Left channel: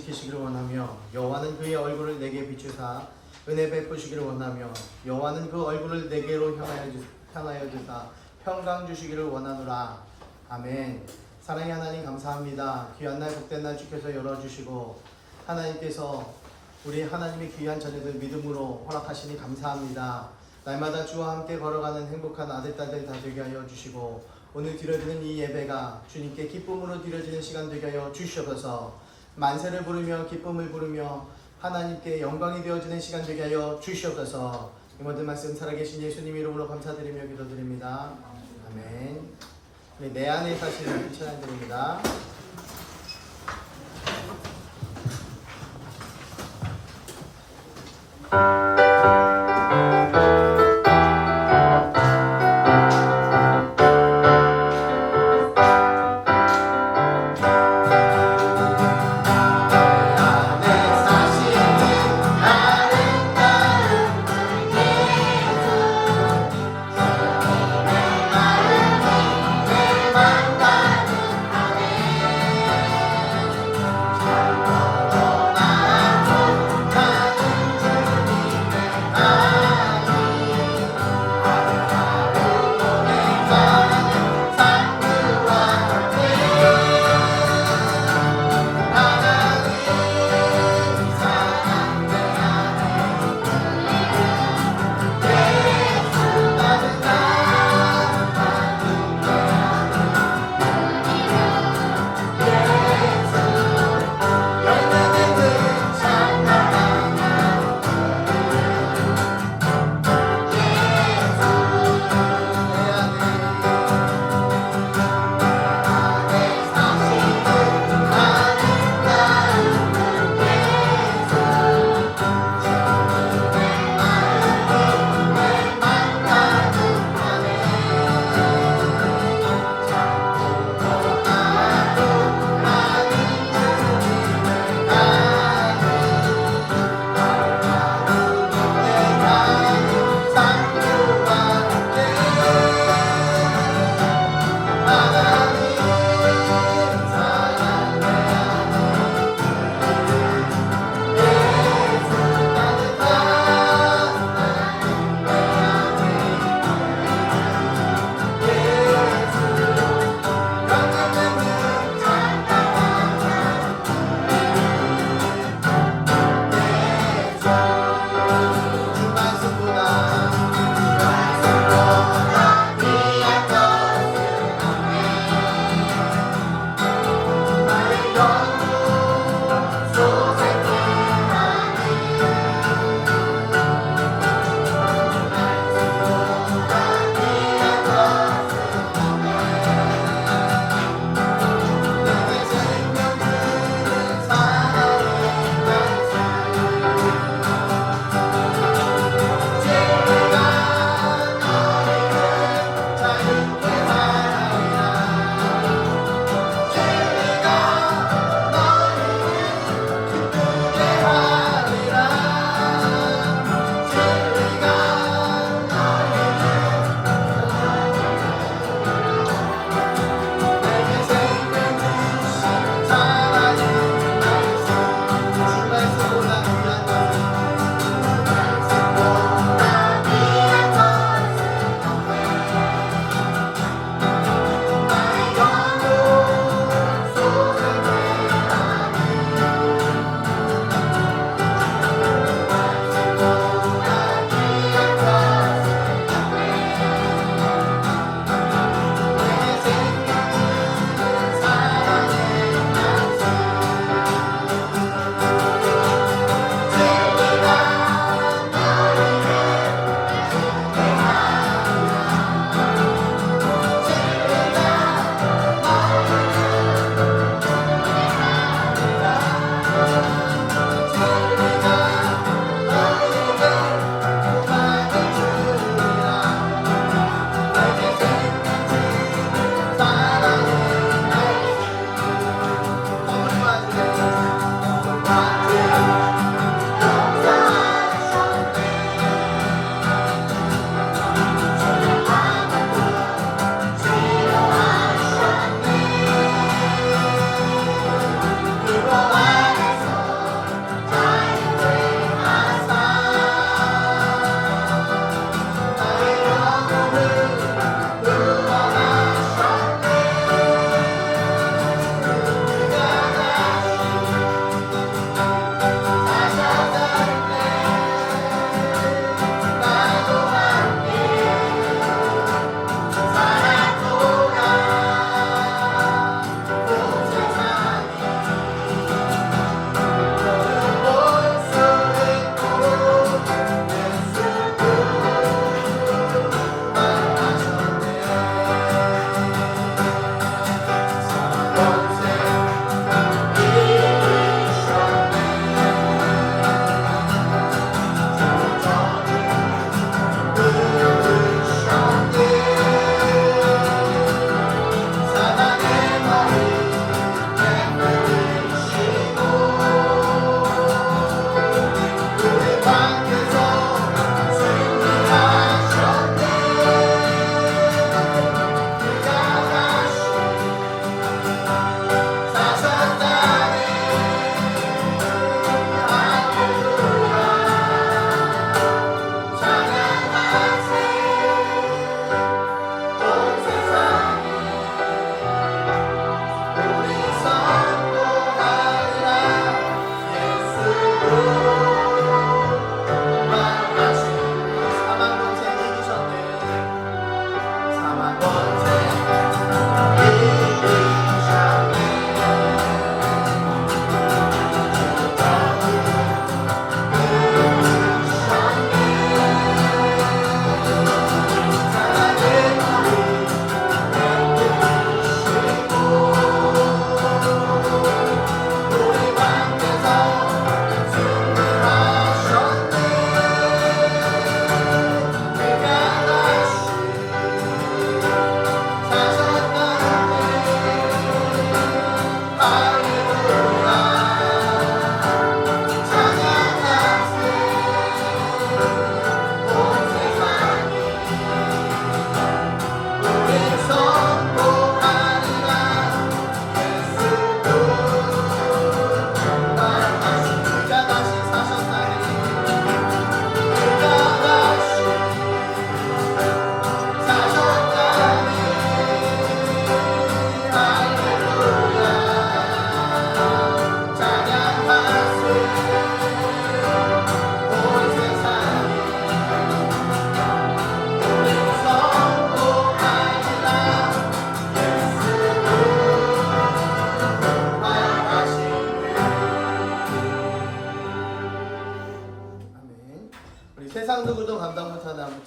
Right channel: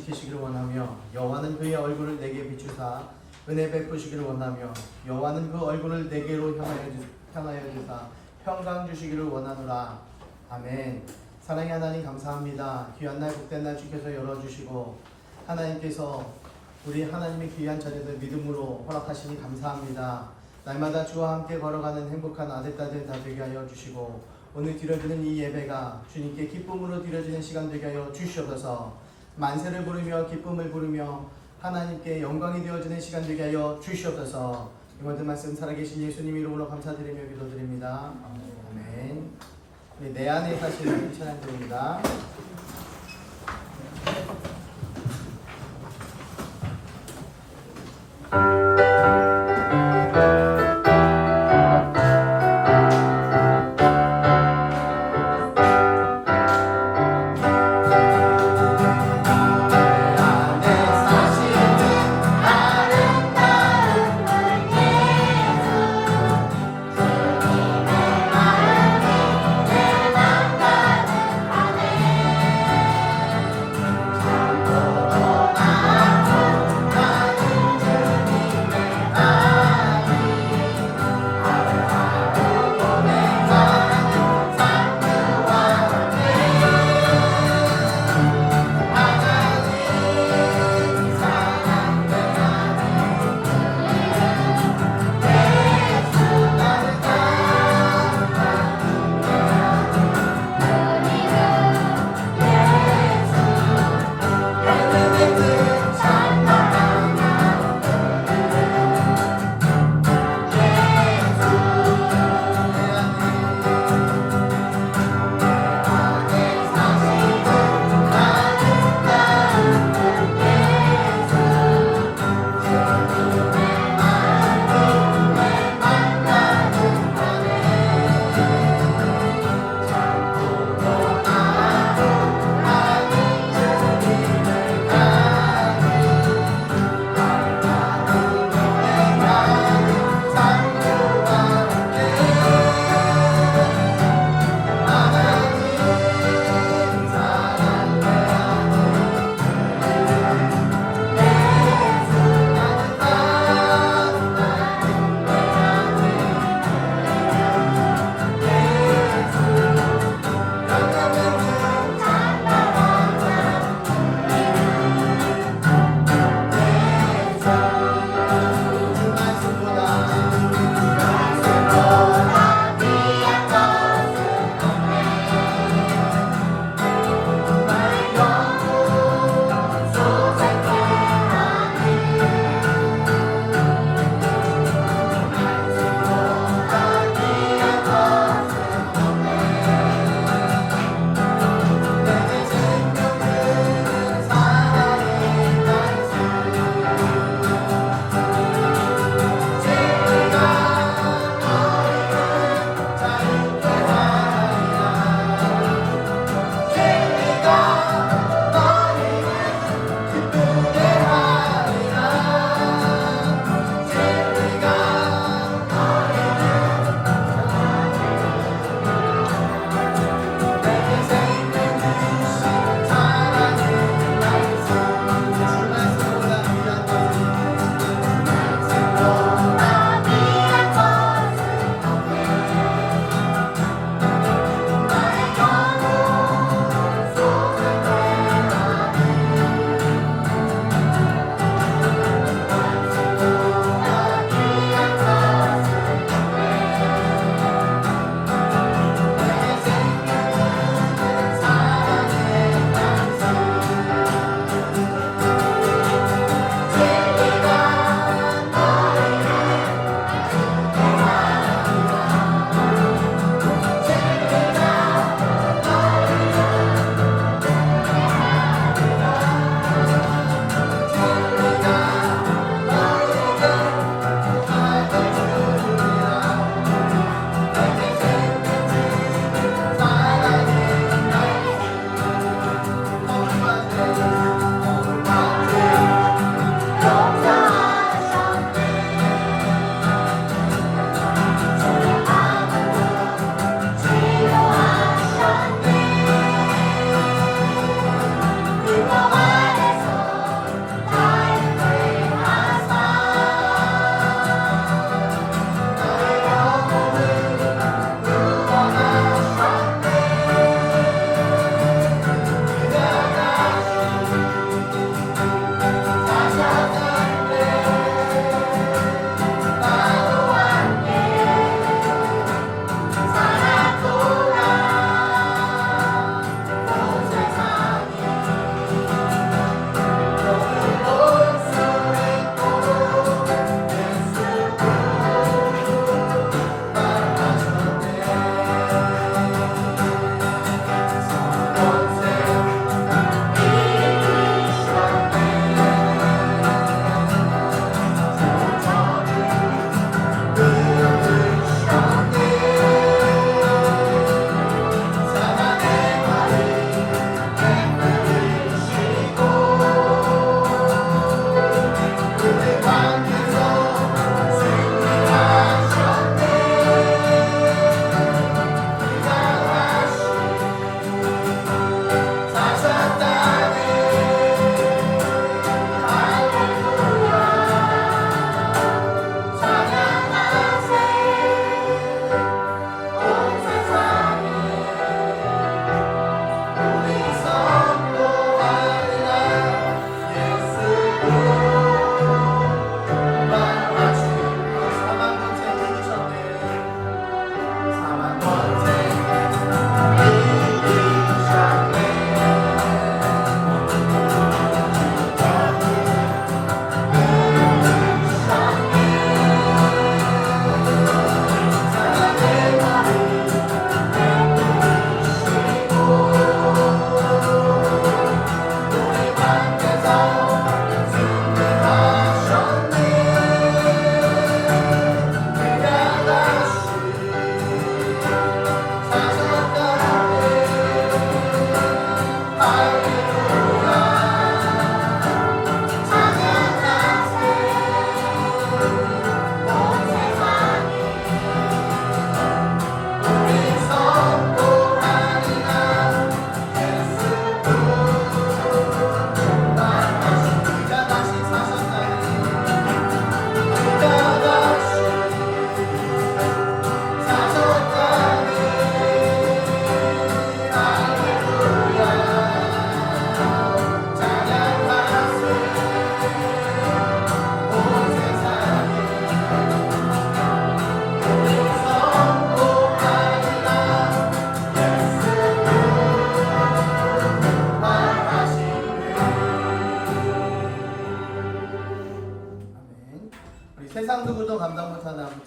지키시기를 원하며 여호와는 그의 얼굴을 내게 비추사 은혜 베푸시기를 원하며 여호와는 그 얼굴을 내게로 향하여 주사 평강 주시기를 원하노라. 아멘. 사랑의 하나님 감사합니다. 귀한 날 복된 날 주께서 열어주시고 하나님께서 우리 하나님의 귀한 자녀들 믿음으로 허락하시니 감사합니다. 날마다 주와 함께 걸어가는 행복한 아들 딸들 다 되게 하여 주시고 오늘 드려지는 이 예배가 주님께 기쁨으로 드려지는 시간 되게 하여 주시옵소서. 만세를 부르며 기쁨을 부르며 하나님께 영광이 되어지는 시간 되게 하여 주시옵소서. 이 모든 말씀 살아계신 예수님 이름으로 감사드리며 기도드립니다. 아멘. 내 안에 사시는 찬양드립니다. 아멘.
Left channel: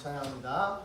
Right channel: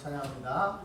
찬양합니다.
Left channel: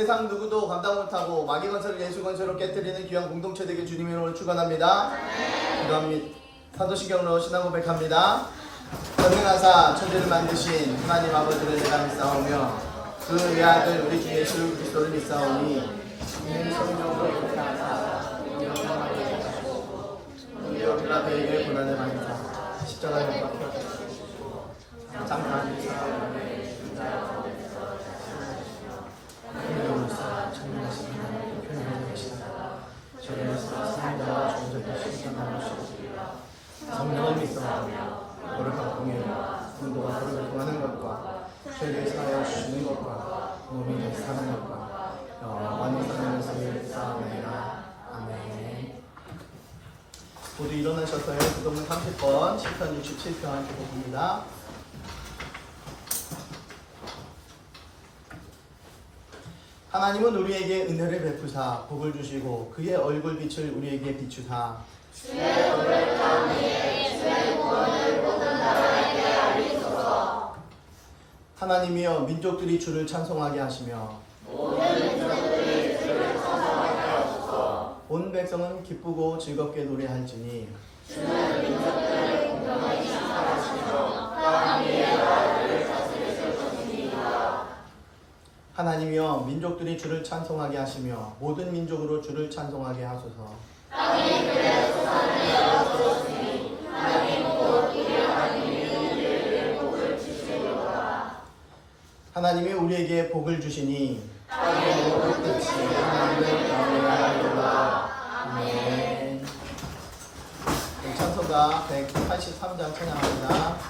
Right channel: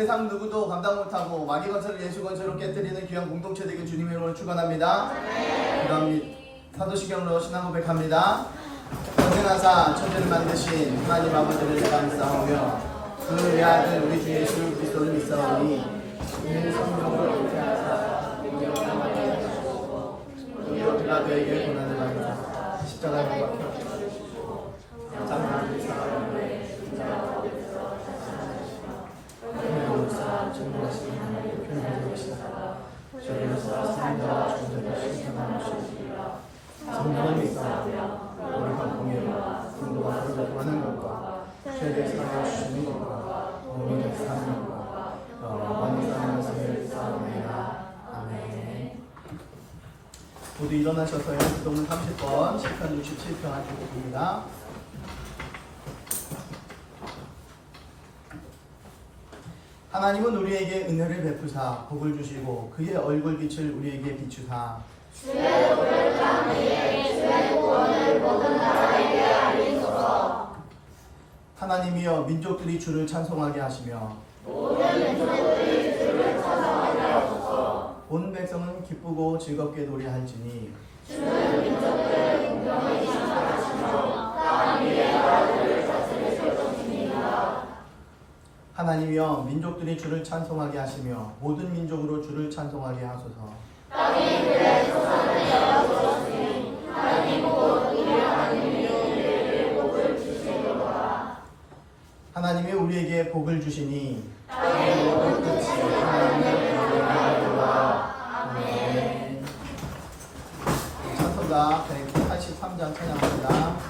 세상 누구도 감당 못하고 마귀 건설을 예수 건설로 깨뜨리는 귀한 공동체 되길 주님의 이름으로 축원합니다. 기도함 및 사도시경으로 신앙 고백합니다. 전능하사 천지를 만드신 하나님 아버지를 내가 믿사오며 그 외아들 우리 주 예수 그리스도를 믿사오니 이는 성령으로 인자하사 우리가 평안하게 하시고 우리가 필라델피아의 고난을 받으사 십자가에 못 박혀 주시고 장사를 사랑하며 성령을 믿사오며 우리가 공예와 분도와 소리를 하는 것과 죄를 사하여 주시는 것과 몸의 사는 것과 영원히 사는 것을 믿사오며 아멘. 모두 일어나셔서요. 기도문 30번, 10편 67편 기도입니다. 하나님은 우리에게 은혜를 베푸사 복을 주시고 그의 얼굴빛을 우리에게 비추사 하나님이여 민족들이 주를 찬송하게 하시며 온 백성은 기쁘고 즐겁게 노래할지니 하나님이여 민족들이 주를 찬송하게 하시며 모든 민족으로 주를 찬송하게 하소서. 하나님이 우리에게 복을 주시니 하나님을 경외하리라. 아멘. 찬송가 183장 찬양합니다.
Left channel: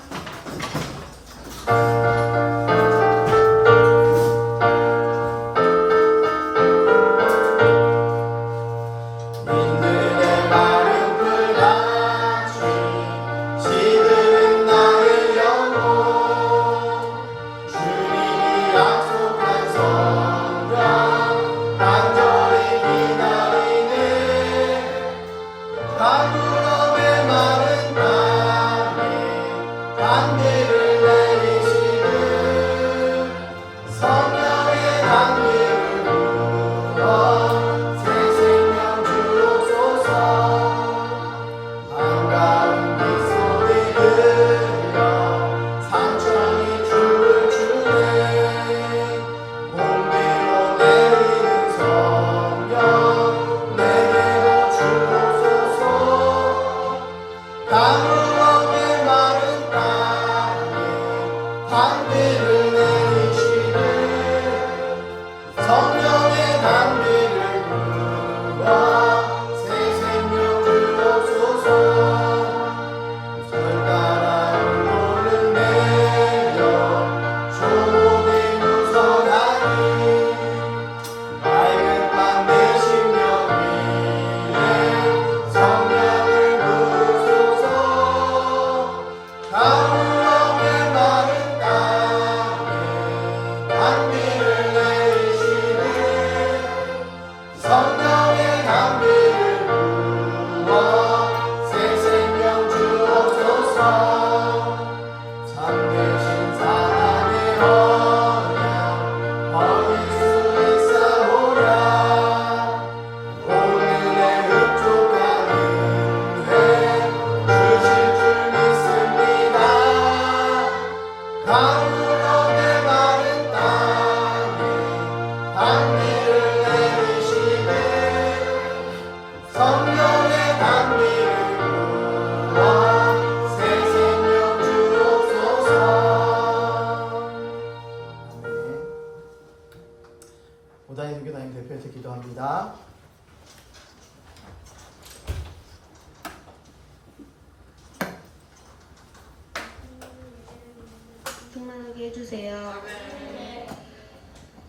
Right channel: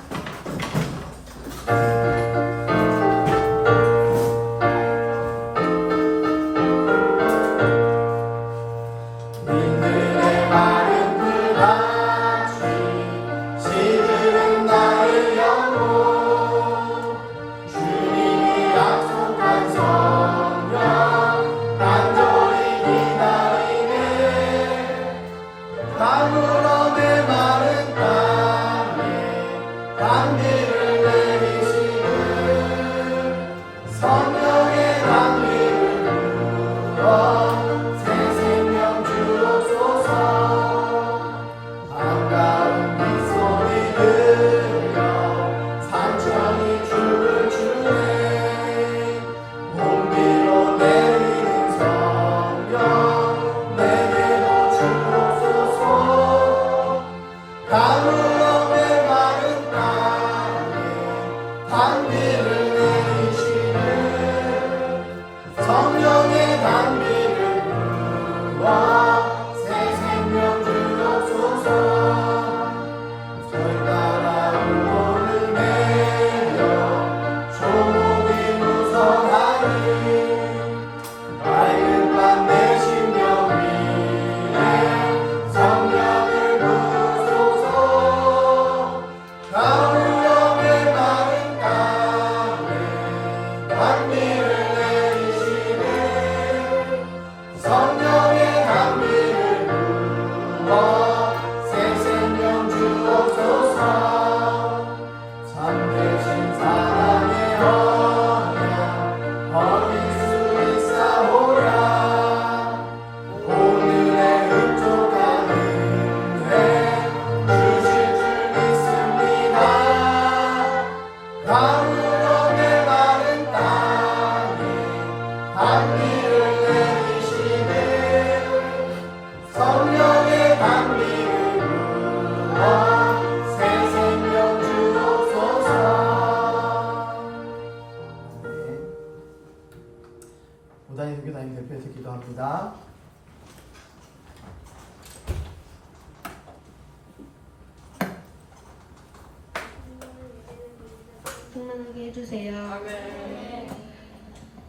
충만하게 해주세요.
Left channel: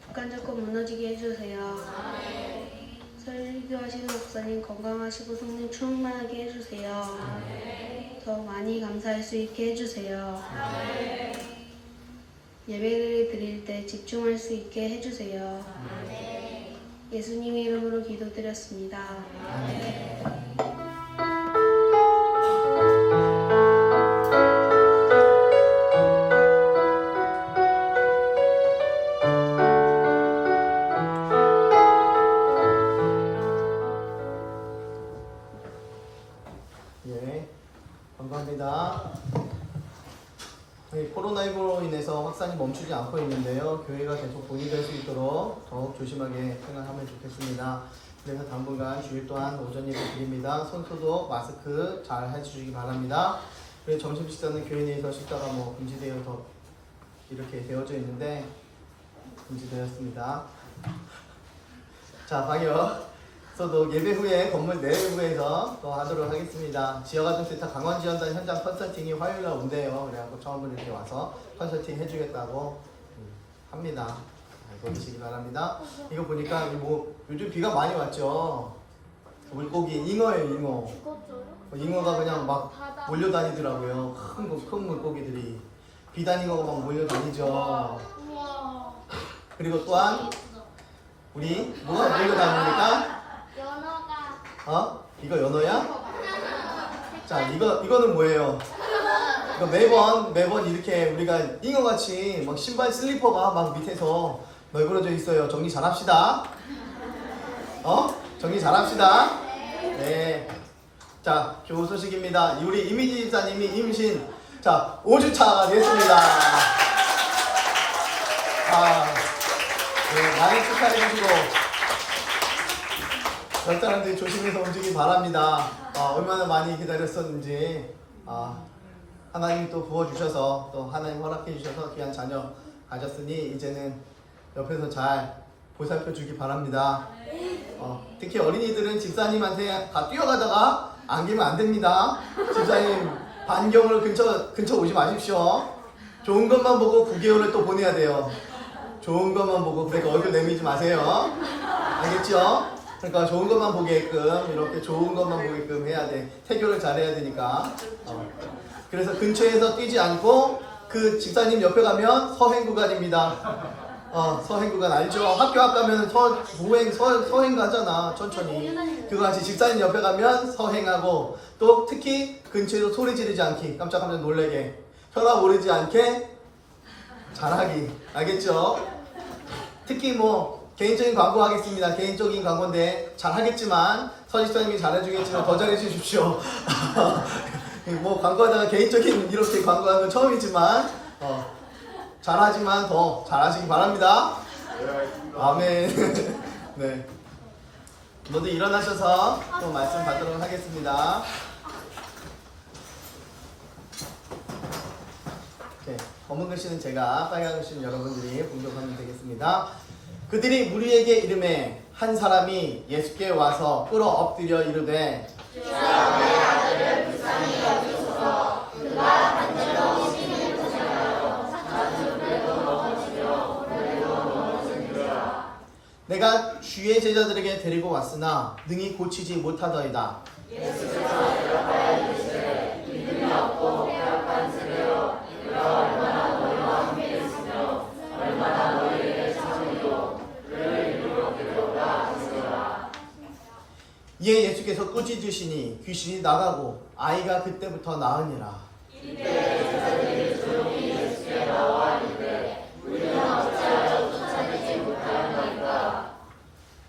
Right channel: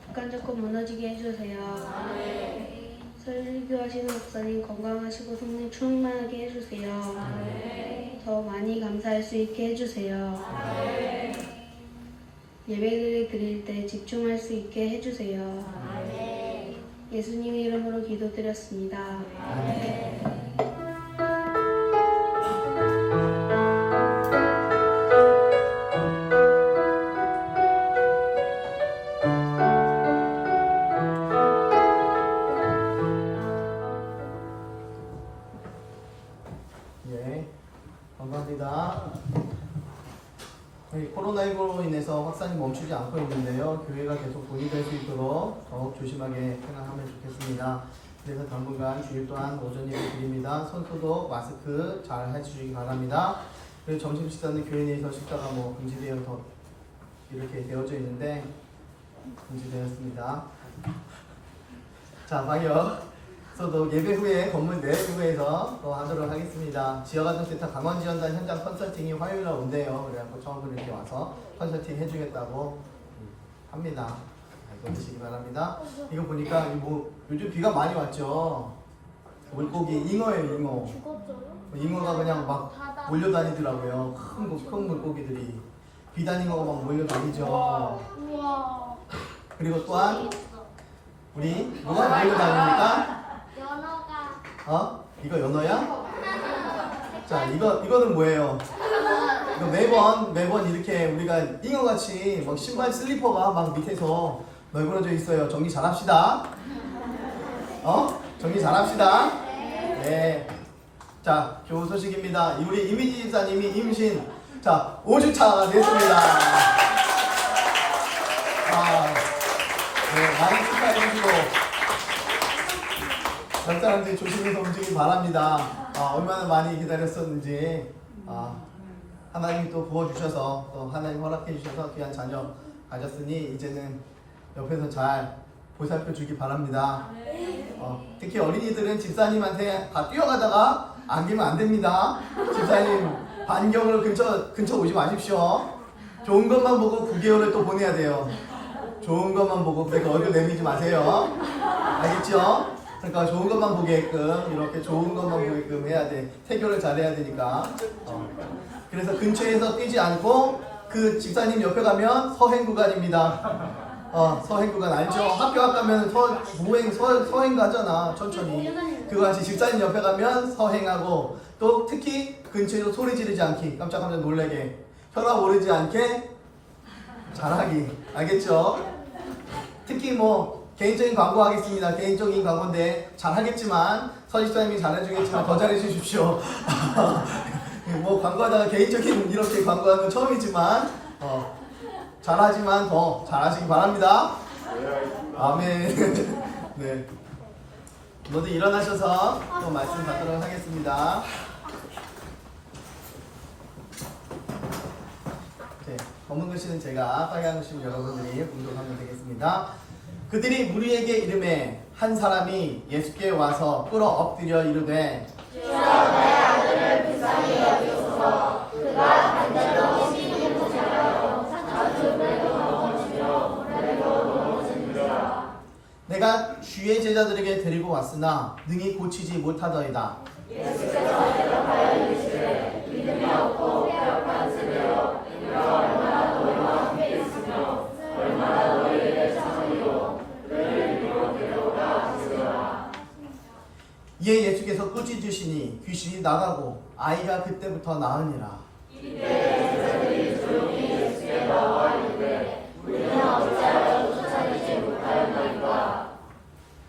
북한 정권 무너지게 해주세요. 설교하시는 목사님 건강하시고 성령 충만하게 해주세요. 더 많이 감사할 수 있게 해주세요. 예배를 드릴 때 집중할 수 있게 해주세요. 예수님의 이름으로 기도드렸습니다. 감사합니다. 코로나19로 인해서 확산이 멈추지 않고 있는데요. 교회가 계속 보유될 수 있도록 더욱 조심하게 생활하면 좋겠습니다. 그래서 당분간 주일 동안 오전 예배 드립니다. 손소독, 마스크 잘 해주시기 바랍니다. 점심 식사는 교회 내에서 식사가 금지되어 이렇게 되어져 있는데 금지되었습니다. 자, 방역. 또 예배 후에 건물 내부에서 또 하도록 하겠습니다. 지역아동센터 강원지원단 현장 컨설팅이 화요일날 온대요. 그래갖고 처음으로 이렇게 와서 컨설팅 해주겠다고 합니다. 알고 계시기 바랍니다. 이거 보니까 요즘 비가 많이 왔죠. 물고기 잉어예요, 잉어. 잉어가 그냥 막 몰려다니더라고요. 큰 물고기들이 비단잉어가 막 몰려다니죠. 그리고 또한 우리 뭐가 몰려다닙니까? 연어가 이거 연어야? 자, 이거는 뭐예요? 이거 매번 이렇게 우리가 잉어같이 막 신발 슬리퍼가 막 밑에서 널브러져 있어요. 정리 잘합시다. 정리 잘합시다. 네. 자, 좋은 소식입니다. 우리 이미지 집사님이 임신, 자, 5주차가 됐습니다. 네, 많은 축하해주시고, 전 사람들이 조심해서 움직이기 바랍니다. 얼마나 많이 기다렸었는지, 하나님 또 부어주셔서, 또 하나님 허락해주셔서 귀한 자녀 가졌으니, 이제는 옆에서 잘 보살펴 주기 바랍니다. 특히 어린이들은 집사님한테 다 뛰어가다가 안기면 안 됩니다. 집사님 반경으로 근처 오지 마십시오. 좋은 것만 보고 9개월을 또 보내야 돼요. 좋은 것만 보고. 그러니까 얼굴 내미지 마세요. 알겠죠? 그러니까 좋은 것만 보게끔, 이렇게 좋은 것만 보게끔 해야 돼. 태교를 잘해야 되니까. 그래서 근처에서 뛰지 않고 그 집사님 옆에 가면 서행 구간입니다. 서행 구간 알죠? 학교 앞 가면 서행 가잖아. 천천히. 그거 같이 집사님 옆에 가면 서행하고, 또 특히 근처에서 소리 지르지 않기, 깜짝깜짝 놀래게, 혈압 오르지 않게 잘하기. 알겠죠? 특히 뭐 개인적인 광고 하겠습니다. 개인적인 광고인데 잘하겠지만, 서집사님이 잘해주겠지만 더 잘해주십시오. 뭐 광고하다가 개인적인 이렇게 광고하는 건 처음이지만 잘하지만 더 잘하시기 바랍니다. 아멘. 네. 모두 일어나셔서 또 말씀 받도록 하겠습니다. 이렇게 검은 글씨는 제가, 빨간 글씨는 여러분들이 공독하면 되겠습니다. 그들이 무리에게 이르매 한 사람이 예수께 와서 꿇어 엎드려 이르되 내가 주의 제자들에게 데리고 왔으나 능히 고치지 못하더이다. 이에 예수께서 꾸짖으시니 귀신이 나가고 아이가 그때부터 나으니라.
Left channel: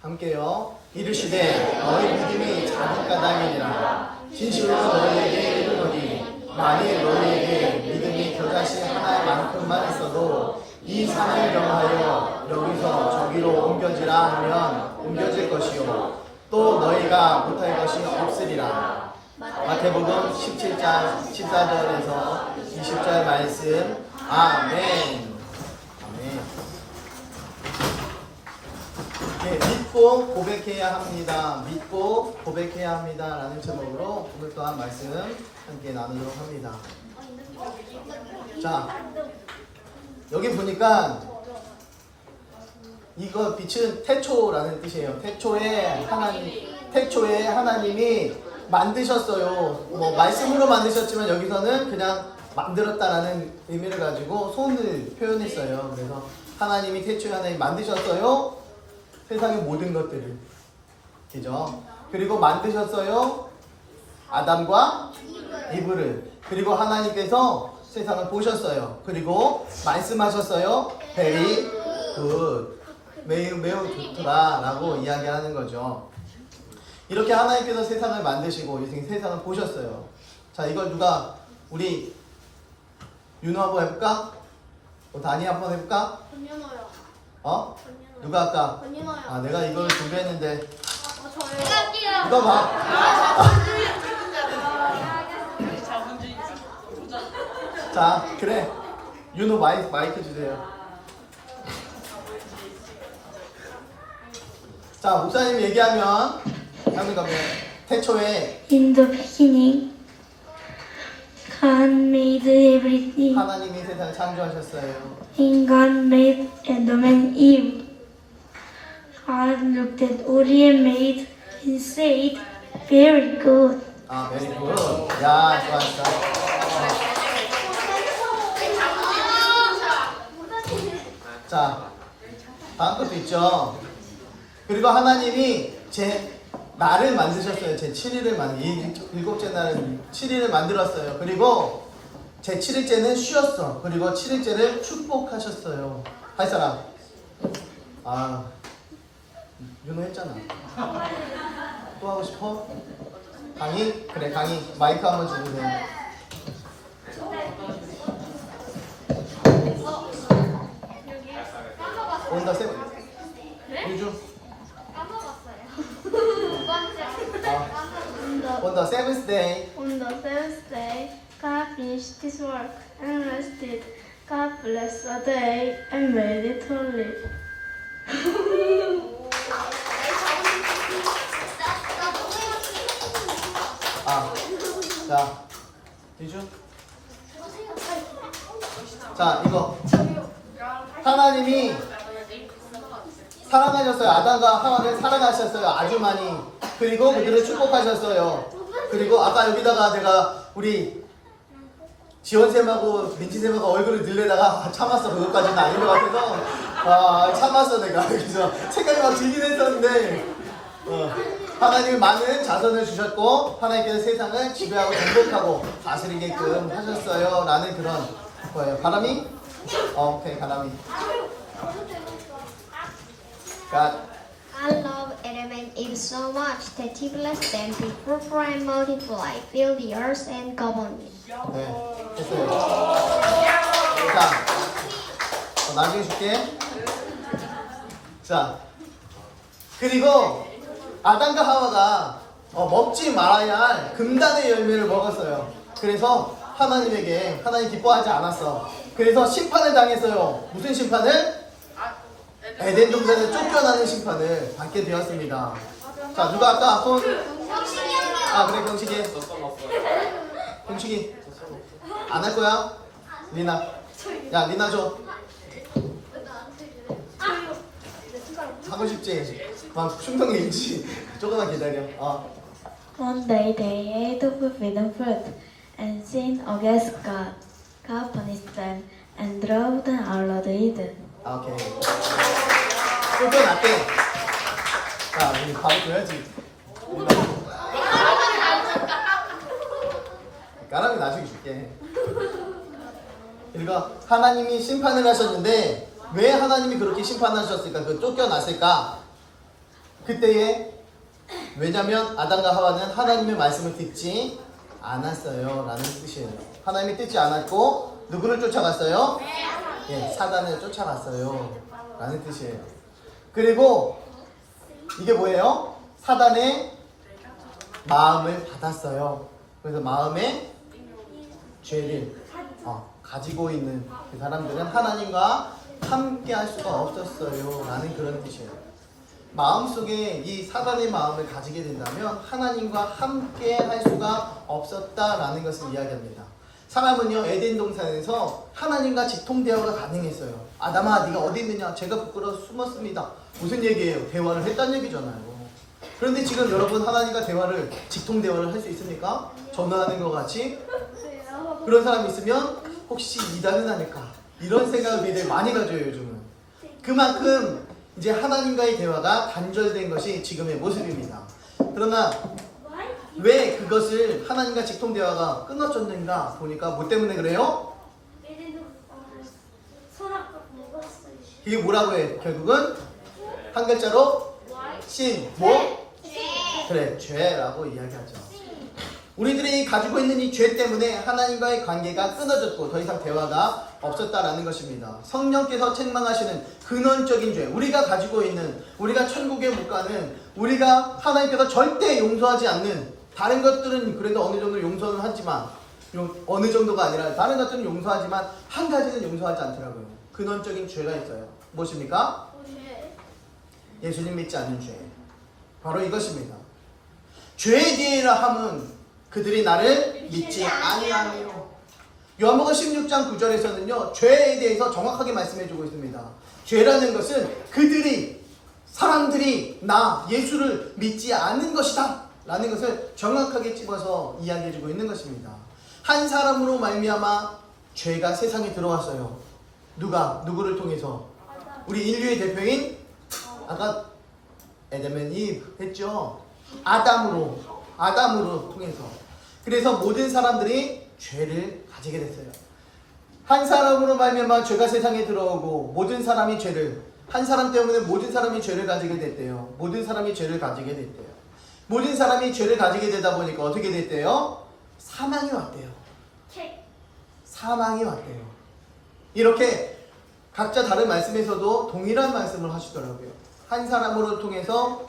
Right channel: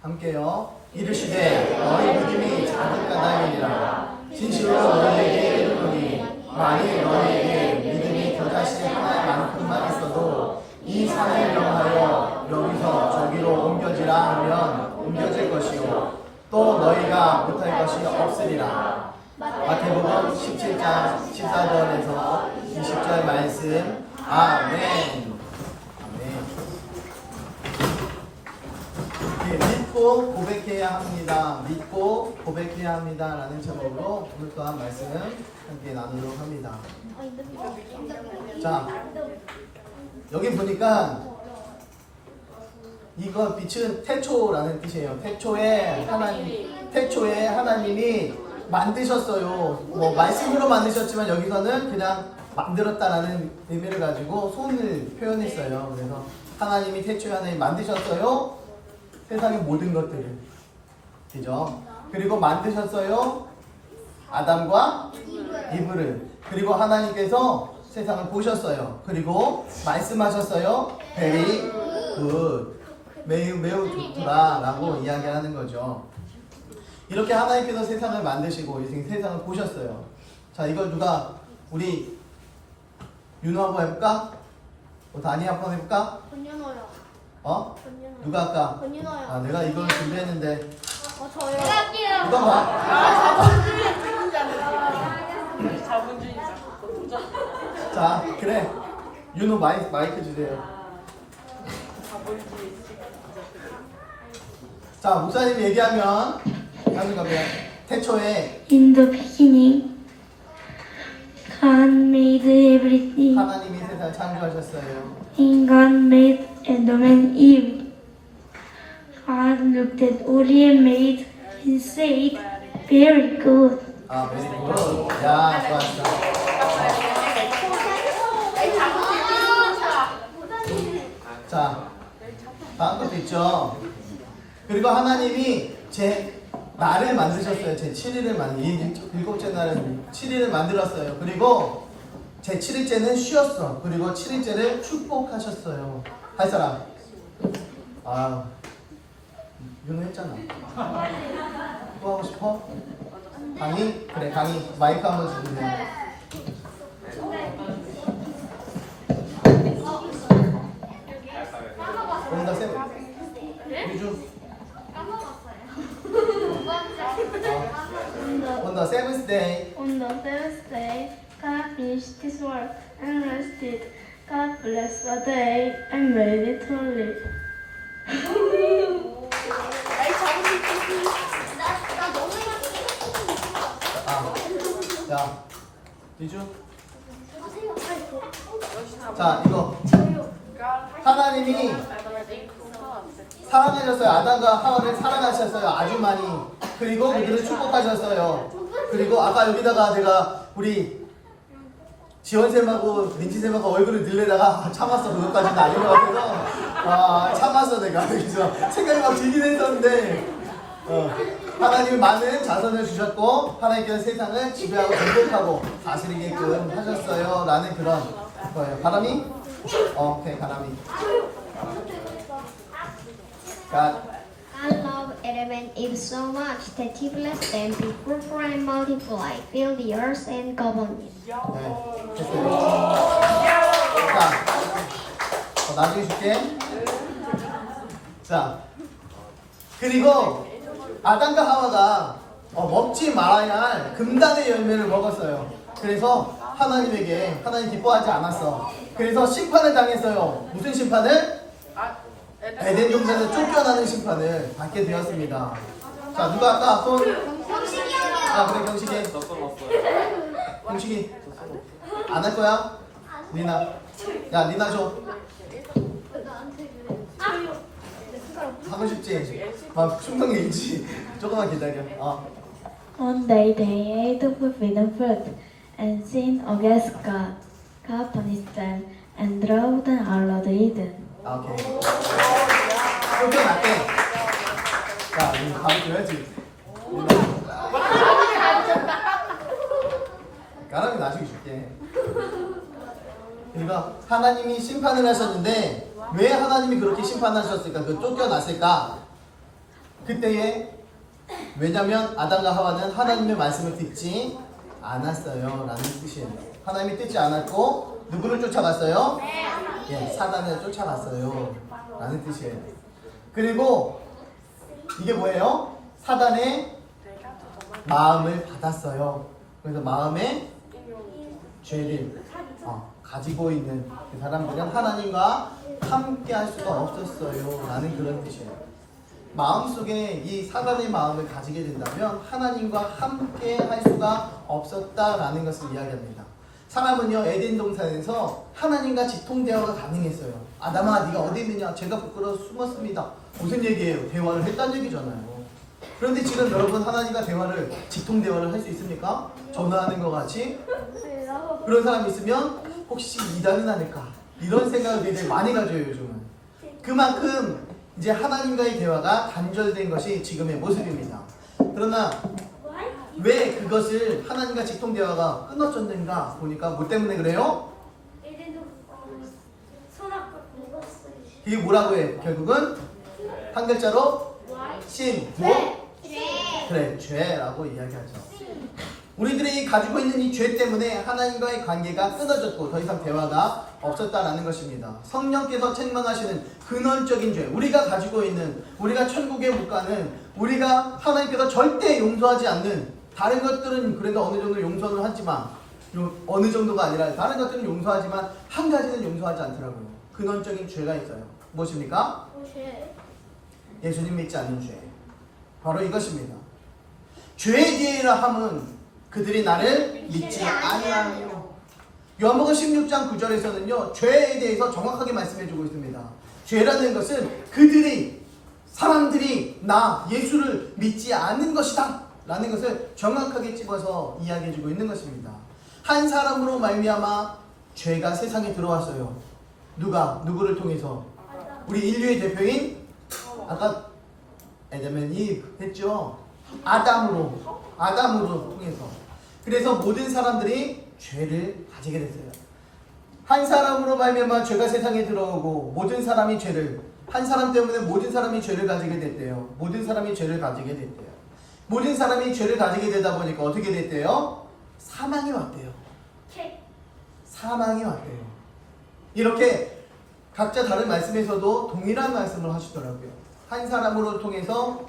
함께요. 이르시되 너희 믿음이 작은 까닭이니라. 진실로 너희에게 이르노니 만일 너희에게 믿음이 겨자씨 하나만큼만 있어도 이 산을 명하여 여기서 저기로 옮겨지라 하면 옮겨질 것이요 또 너희가 못할 것이 없으리라. 마태복음 17장 14절에서 20절 말씀. 아멘. 네, 믿고 고백해야 합니다. 믿고 고백해야 합니다. 라는 제목으로 오늘 또한 말씀 함께 나누도록 합니다. 자, 여기 보니까 이거 빛은 태초라는 뜻이에요. 태초에 하나님이 만드셨어요. 뭐 말씀으로 만드셨지만 여기서는 그냥 만들었다라는 의미를 가지고 손을 표현했어요. 그래서 하나님이 태초에 하나님 만드셨어요. 세상의 모든 것들을. 그죠? 그리고 만드셨어요. 아담과 이브를. 그리고 하나님께서 세상을 보셨어요. 그리고 말씀하셨어요. Very good. 매우 좋더라 라고 이야기하는 거죠. 이렇게 하나님께서 세상을 만드시고 세상을 보셨어요. 자, 이걸 누가, 우리 윤호 한번 해볼까? 다니 한번 해볼까? 권윤호요. 누가 할까? 권윤호요. 내가 이걸 준비했는데. 저요. 이거 봐. 자, 그래. 윤호 마이크 주세요. 자, 목사님 얘기하면 하는 거면 태초에 In the beginning, God made everything. 하나님이 세상을 창조하셨어요. And God made Adam and Eve. God looked at all he had made and said, very good. very good. 야, 좋아. 자, 다음 것도 있죠. 그리고 하나님이 날을 만드셨어요. 제 7일을 일곱째 날은 7일을 만들었어요. 그리고 제 7일째는 쉬었어. 그리고 7일째를 축복하셨어요. 할 사람. 아, 윤호 했잖아. 또 하고 싶어? 강의? 그래, 강의. 마이크 한번 주세요. 온더 세븐. 요즘 on the seventh day, On the seventh day, God finished his work and rested. God blessed the day and made it holy. 자, 뒤주. 자, 이거 하나님이 사랑하셨어요. 아담과 하와를 사랑하셨어요. 아주 많이. 그리고 그들을 축복하셨어요. 그리고 아까 여기다가 내가 우리 지원쌤하고 민지쌤하고 얼굴을 늘려다가 참았어. 그것까지는 아닌 것 같아서 참았어 내가. 그래서 생각이 막 들긴 했었는데 하나님이 많은 자손을 주셨고 하나님께서 세상을 지배하고 공격하고 다스리게끔 하셨어요. 라는 그런 거예요. 가람이? 오케이, 가람이. God. I love Adam and Eve so much that he blessed them to fruitful and multiply, fill the earth and govern it. 네, 됐어요. 자, 나중에 줄게. 자, 그리고 아담과 하와가 먹지 말아야 할 금단의 열매를 먹었어요. 그래서 하나님 기뻐하지 않았어. 그래서 심판을 당했어요. 무슨 심판을? 에덴 동산에 쫓겨나는 심판을 받게 되었습니다. 자, 누가 아까 손? 그래, 경식이. 경식이. 안 할 거야? 리나. 야, 리나 줘. 하고 싶지? 막 충동이 있지? 조금만 기다려. One day they ate the forbidden fruit and sinned against God. God punished them and drove them out of Eden. 오케이. 쫓겨났대. 자, 우리 바로 줘야지. 까라미 나중에 줄게. 그러니까 하나님이 심판을 하셨는데 왜 하나님이 그렇게 심판하셨을까? 쫓겨났을까? 그때에 왜냐면 아담과 하와는 하나님의 말씀을 듣지 않았어요 라는 뜻이에요. 하나님이 듣지 않았고 누구를 쫓아갔어요? 예, 사단을 쫓아갔어요 라는 뜻이에요. 그리고 이게 뭐예요? 사단의 마음을 받았어요. 그래서 마음에 죄를 가지고 있는 그 사람들은 하나님과 함께 할 수가 없었어요 라는 그런 뜻이에요. 마음속에 이 사단의 마음을 가지게 된다면 하나님과 함께 할 수가 없었다라는 것을 이야기합니다. 사람은요, 에덴 동산에서 하나님과 직통대화가 가능했어요. 아담아, 네가 어디 있느냐? 제가 부끄러워 숨었습니다. 무슨 얘기예요? 대화를 했다는 얘기잖아요. 그런데 지금 여러분 하나님과 직통대화를 할 수 있습니까? 전화하는 것 같이? 그런 사람이 있으면 혹시 이단은 아닐까? 이런 생각을 굉장히 많이 가져요, 요즘은. 그만큼 이제 하나님과의 대화가 단절된 것이 지금의 모습입니다. 그러나 왜 그것을 하나님과 직통대화가 끊어졌는가 보니까 뭐 때문에 그래요? 이게 뭐라고 해? 결국은 한 글자로 그래, 죄라고 이야기하죠. 우리들이 가지고 있는 이 죄 때문에 하나님과의 관계가 끊어졌고 더 이상 대화가 없었다라는 것입니다. 성령께서 책망하시는 근원적인 죄, 우리가 가지고 있는, 우리가 천국에 못 가는, 우리가 하나님께서 절대 용서하지 않는, 다른 것들은 그래도 어느 정도 용서는 하지만 어느 정도가 아니라 다른 것들은 용서하지만 한 가지는 용서하지 않더라고요. 근원적인 죄가 있어요. 무엇입니까? 예수님 믿지 않는 죄. 바로 이것입니다. 죄에 대하여 함은 그들이 나를 믿지 아니하며. 요한복음 16장 9절에서는요, 죄에 대해서 정확하게 말씀해주고 있습니다. 죄라는 것은 사람들이 나 예수를 믿지 않는 것이다 라는 것을 정확하게 집어서 이야기해주고 있는 것입니다. 한 사람으로 말미암아 죄가 세상에 들어왔어요. 누구를 통해서? 우리 인류의 대표인 아까 에덴 앤 이브 했죠. 아담으로 통해서. 그래서 모든 사람들이 죄를 가지게 됐어요. 한 사람으로 말미암아 죄가 세상에 들어오고 모든 사람이 죄를, 한 사람 때문에 모든 사람이 죄를 가지게 됐대요. 모든 사람이 죄를 가지게 됐대요. 모든 사람이 죄를 가지게 되다 보니까 어떻게 됐대요? 사망이 왔대요. 사망이 왔대요. 이렇게 각자 다른 말씀에서도 동일한 말씀을 하시더라고요. 한 사람으로 통해서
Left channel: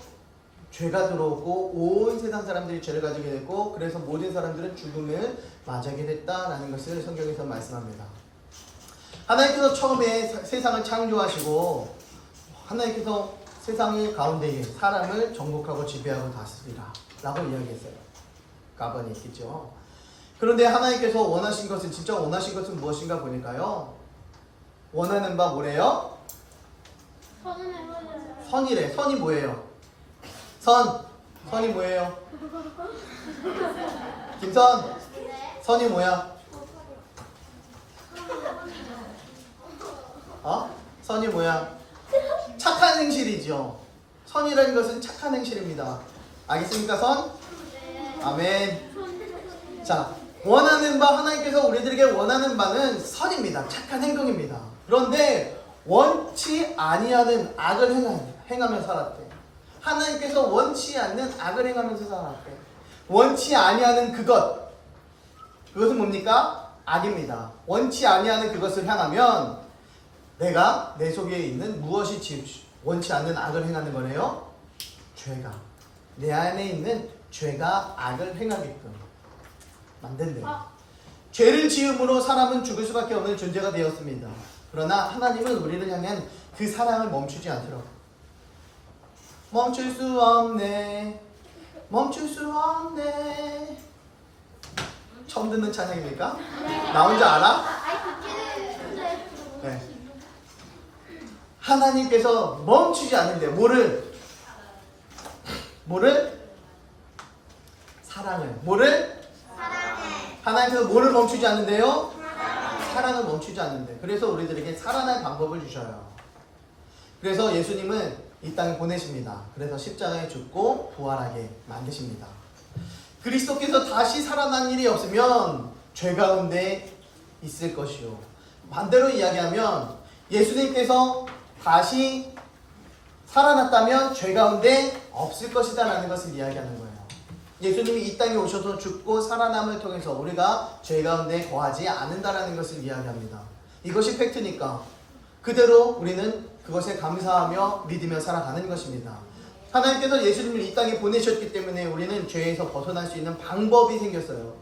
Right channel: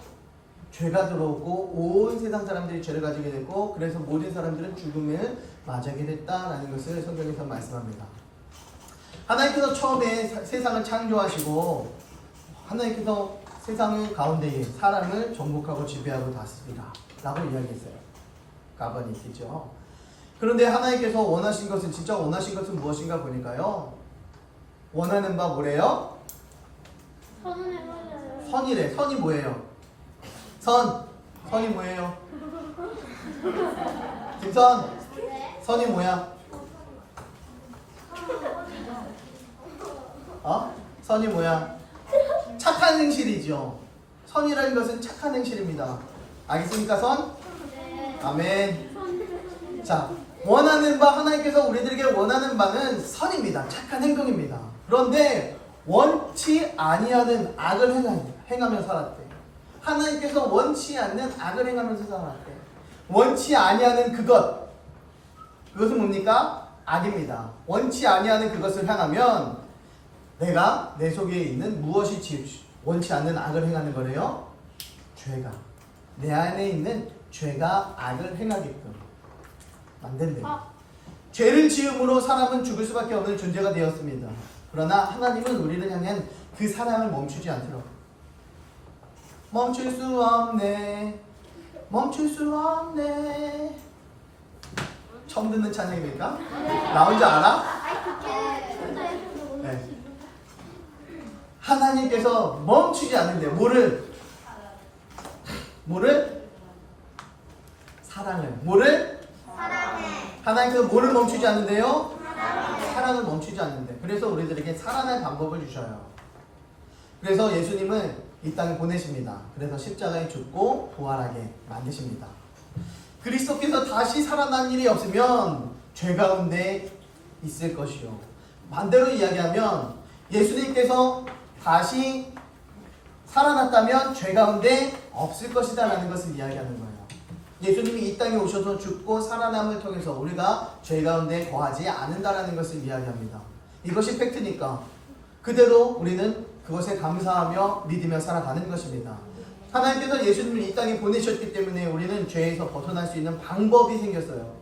죄가 들어오고 온 세상 사람들이 죄를 가지게 됐고, 그래서 모든 사람들은 죽음을 맞이하게 됐다라는 것을 성경에서 말씀합니다. 하나님께서 처음에 세상을 창조하시고 하나님께서 세상의 가운데에 사람을 정복하고 지배하고 다스리라 라고 이야기했어요. 가버니티죠. 그런데 하나님께서 원하신 것은, 진짜 원하신 것은 무엇인가 보니까요, 원하는 바 뭐래요? 선이래. 선이 뭐예요? 선이 뭐예요? 김선, 선이 뭐야? 선이 뭐야? 착한 행실이죠. 선이라는 것은 착한 행실입니다. 알겠습니까, 선? 아멘. 자, 원하는 바, 하나님께서 우리들에게 원하는 바는 선입니다. 착한 행동입니다. 그런데 원치 아니하는 악을 행하며 살았대. 하나님께서 원치 않는 악을 행하면서 살았대. 원치 아니하는 그것은 뭡니까? 악입니다. 원치 아니하는 그것을 향하면 내가 내 속에 있는 무엇이 원치 않는 악을 행하는 거래요? 죄가. 내 안에 있는 죄가 악을 행하게끔 만든대요. 죄를 지음으로 사람은 죽을 수밖에 없는 존재가 되었습니다. 그러나 하나님은 우리를 향한 그 사랑을 멈추지 않도록. 멈출 수 없네. 멈출 수 없네. 처음 듣는 찬양입니까? 나 혼자 알아? 네. 하나님께서 멈추지 않는데 뭐를? 사랑을. 하나님께서 뭐를 멈추지 않는데요? 사랑을 멈추지 않는데. 그래서 우리들에게 살아날 방법을 주셔요. 그래서 예수님은 이 땅에 보내십니다. 그래서 십자가에 죽고 부활하게 만드십니다. 그리스도께서 다시 살아난 일이 없으면 죄 가운데 있을 것이요. 반대로 이야기하면 예수님께서 다시 살아났다면 죄 가운데 없을 것이다 라는 것을 이야기하는 거예요. 예수님이 이 땅에 오셔서 죽고 살아남을 통해서 우리가 죄 가운데 거하지 않는다라는 것을 이야기합니다. 이것이 팩트니까 그대로 우리는 그것에 감사하며 믿으며 살아가는 것입니다. 하나님께서 예수님을 이 땅에 보내셨기 때문에 우리는 죄에서 벗어날 수 있는 방법이 생겼어요.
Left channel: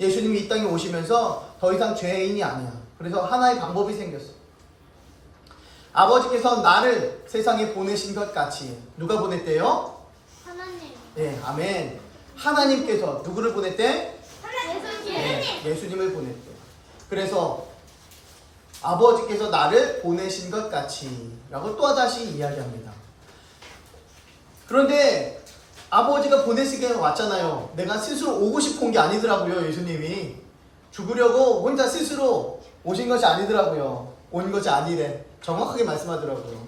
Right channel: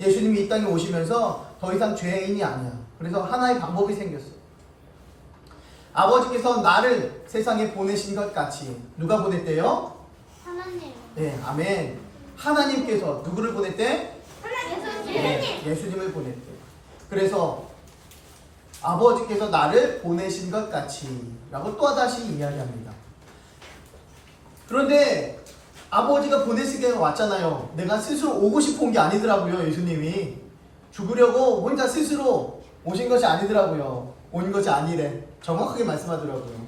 예수님이 이 땅에 오시면서 더 이상 죄인이 아니야. 그래서 하나의 방법이 생겼어. 아버지께서 나를 세상에 보내신 것 같이. 누가 보냈대요? 하나님. 네, 아멘. 하나님께서 누구를 보냈대? 하나님. 네, 예수님을 보냈대. 그래서 아버지께서 나를 보내신 것 같이 라고 또다시 이야기합니다. 그런데 아버지가 보내시게 왔잖아요. 내가 스스로 오고 싶어 온 게 아니더라고요. 예수님이 죽으려고 혼자 스스로 오신 것이 아니더라고요. 온 것이 아니래. 정확하게 말씀하더라고요.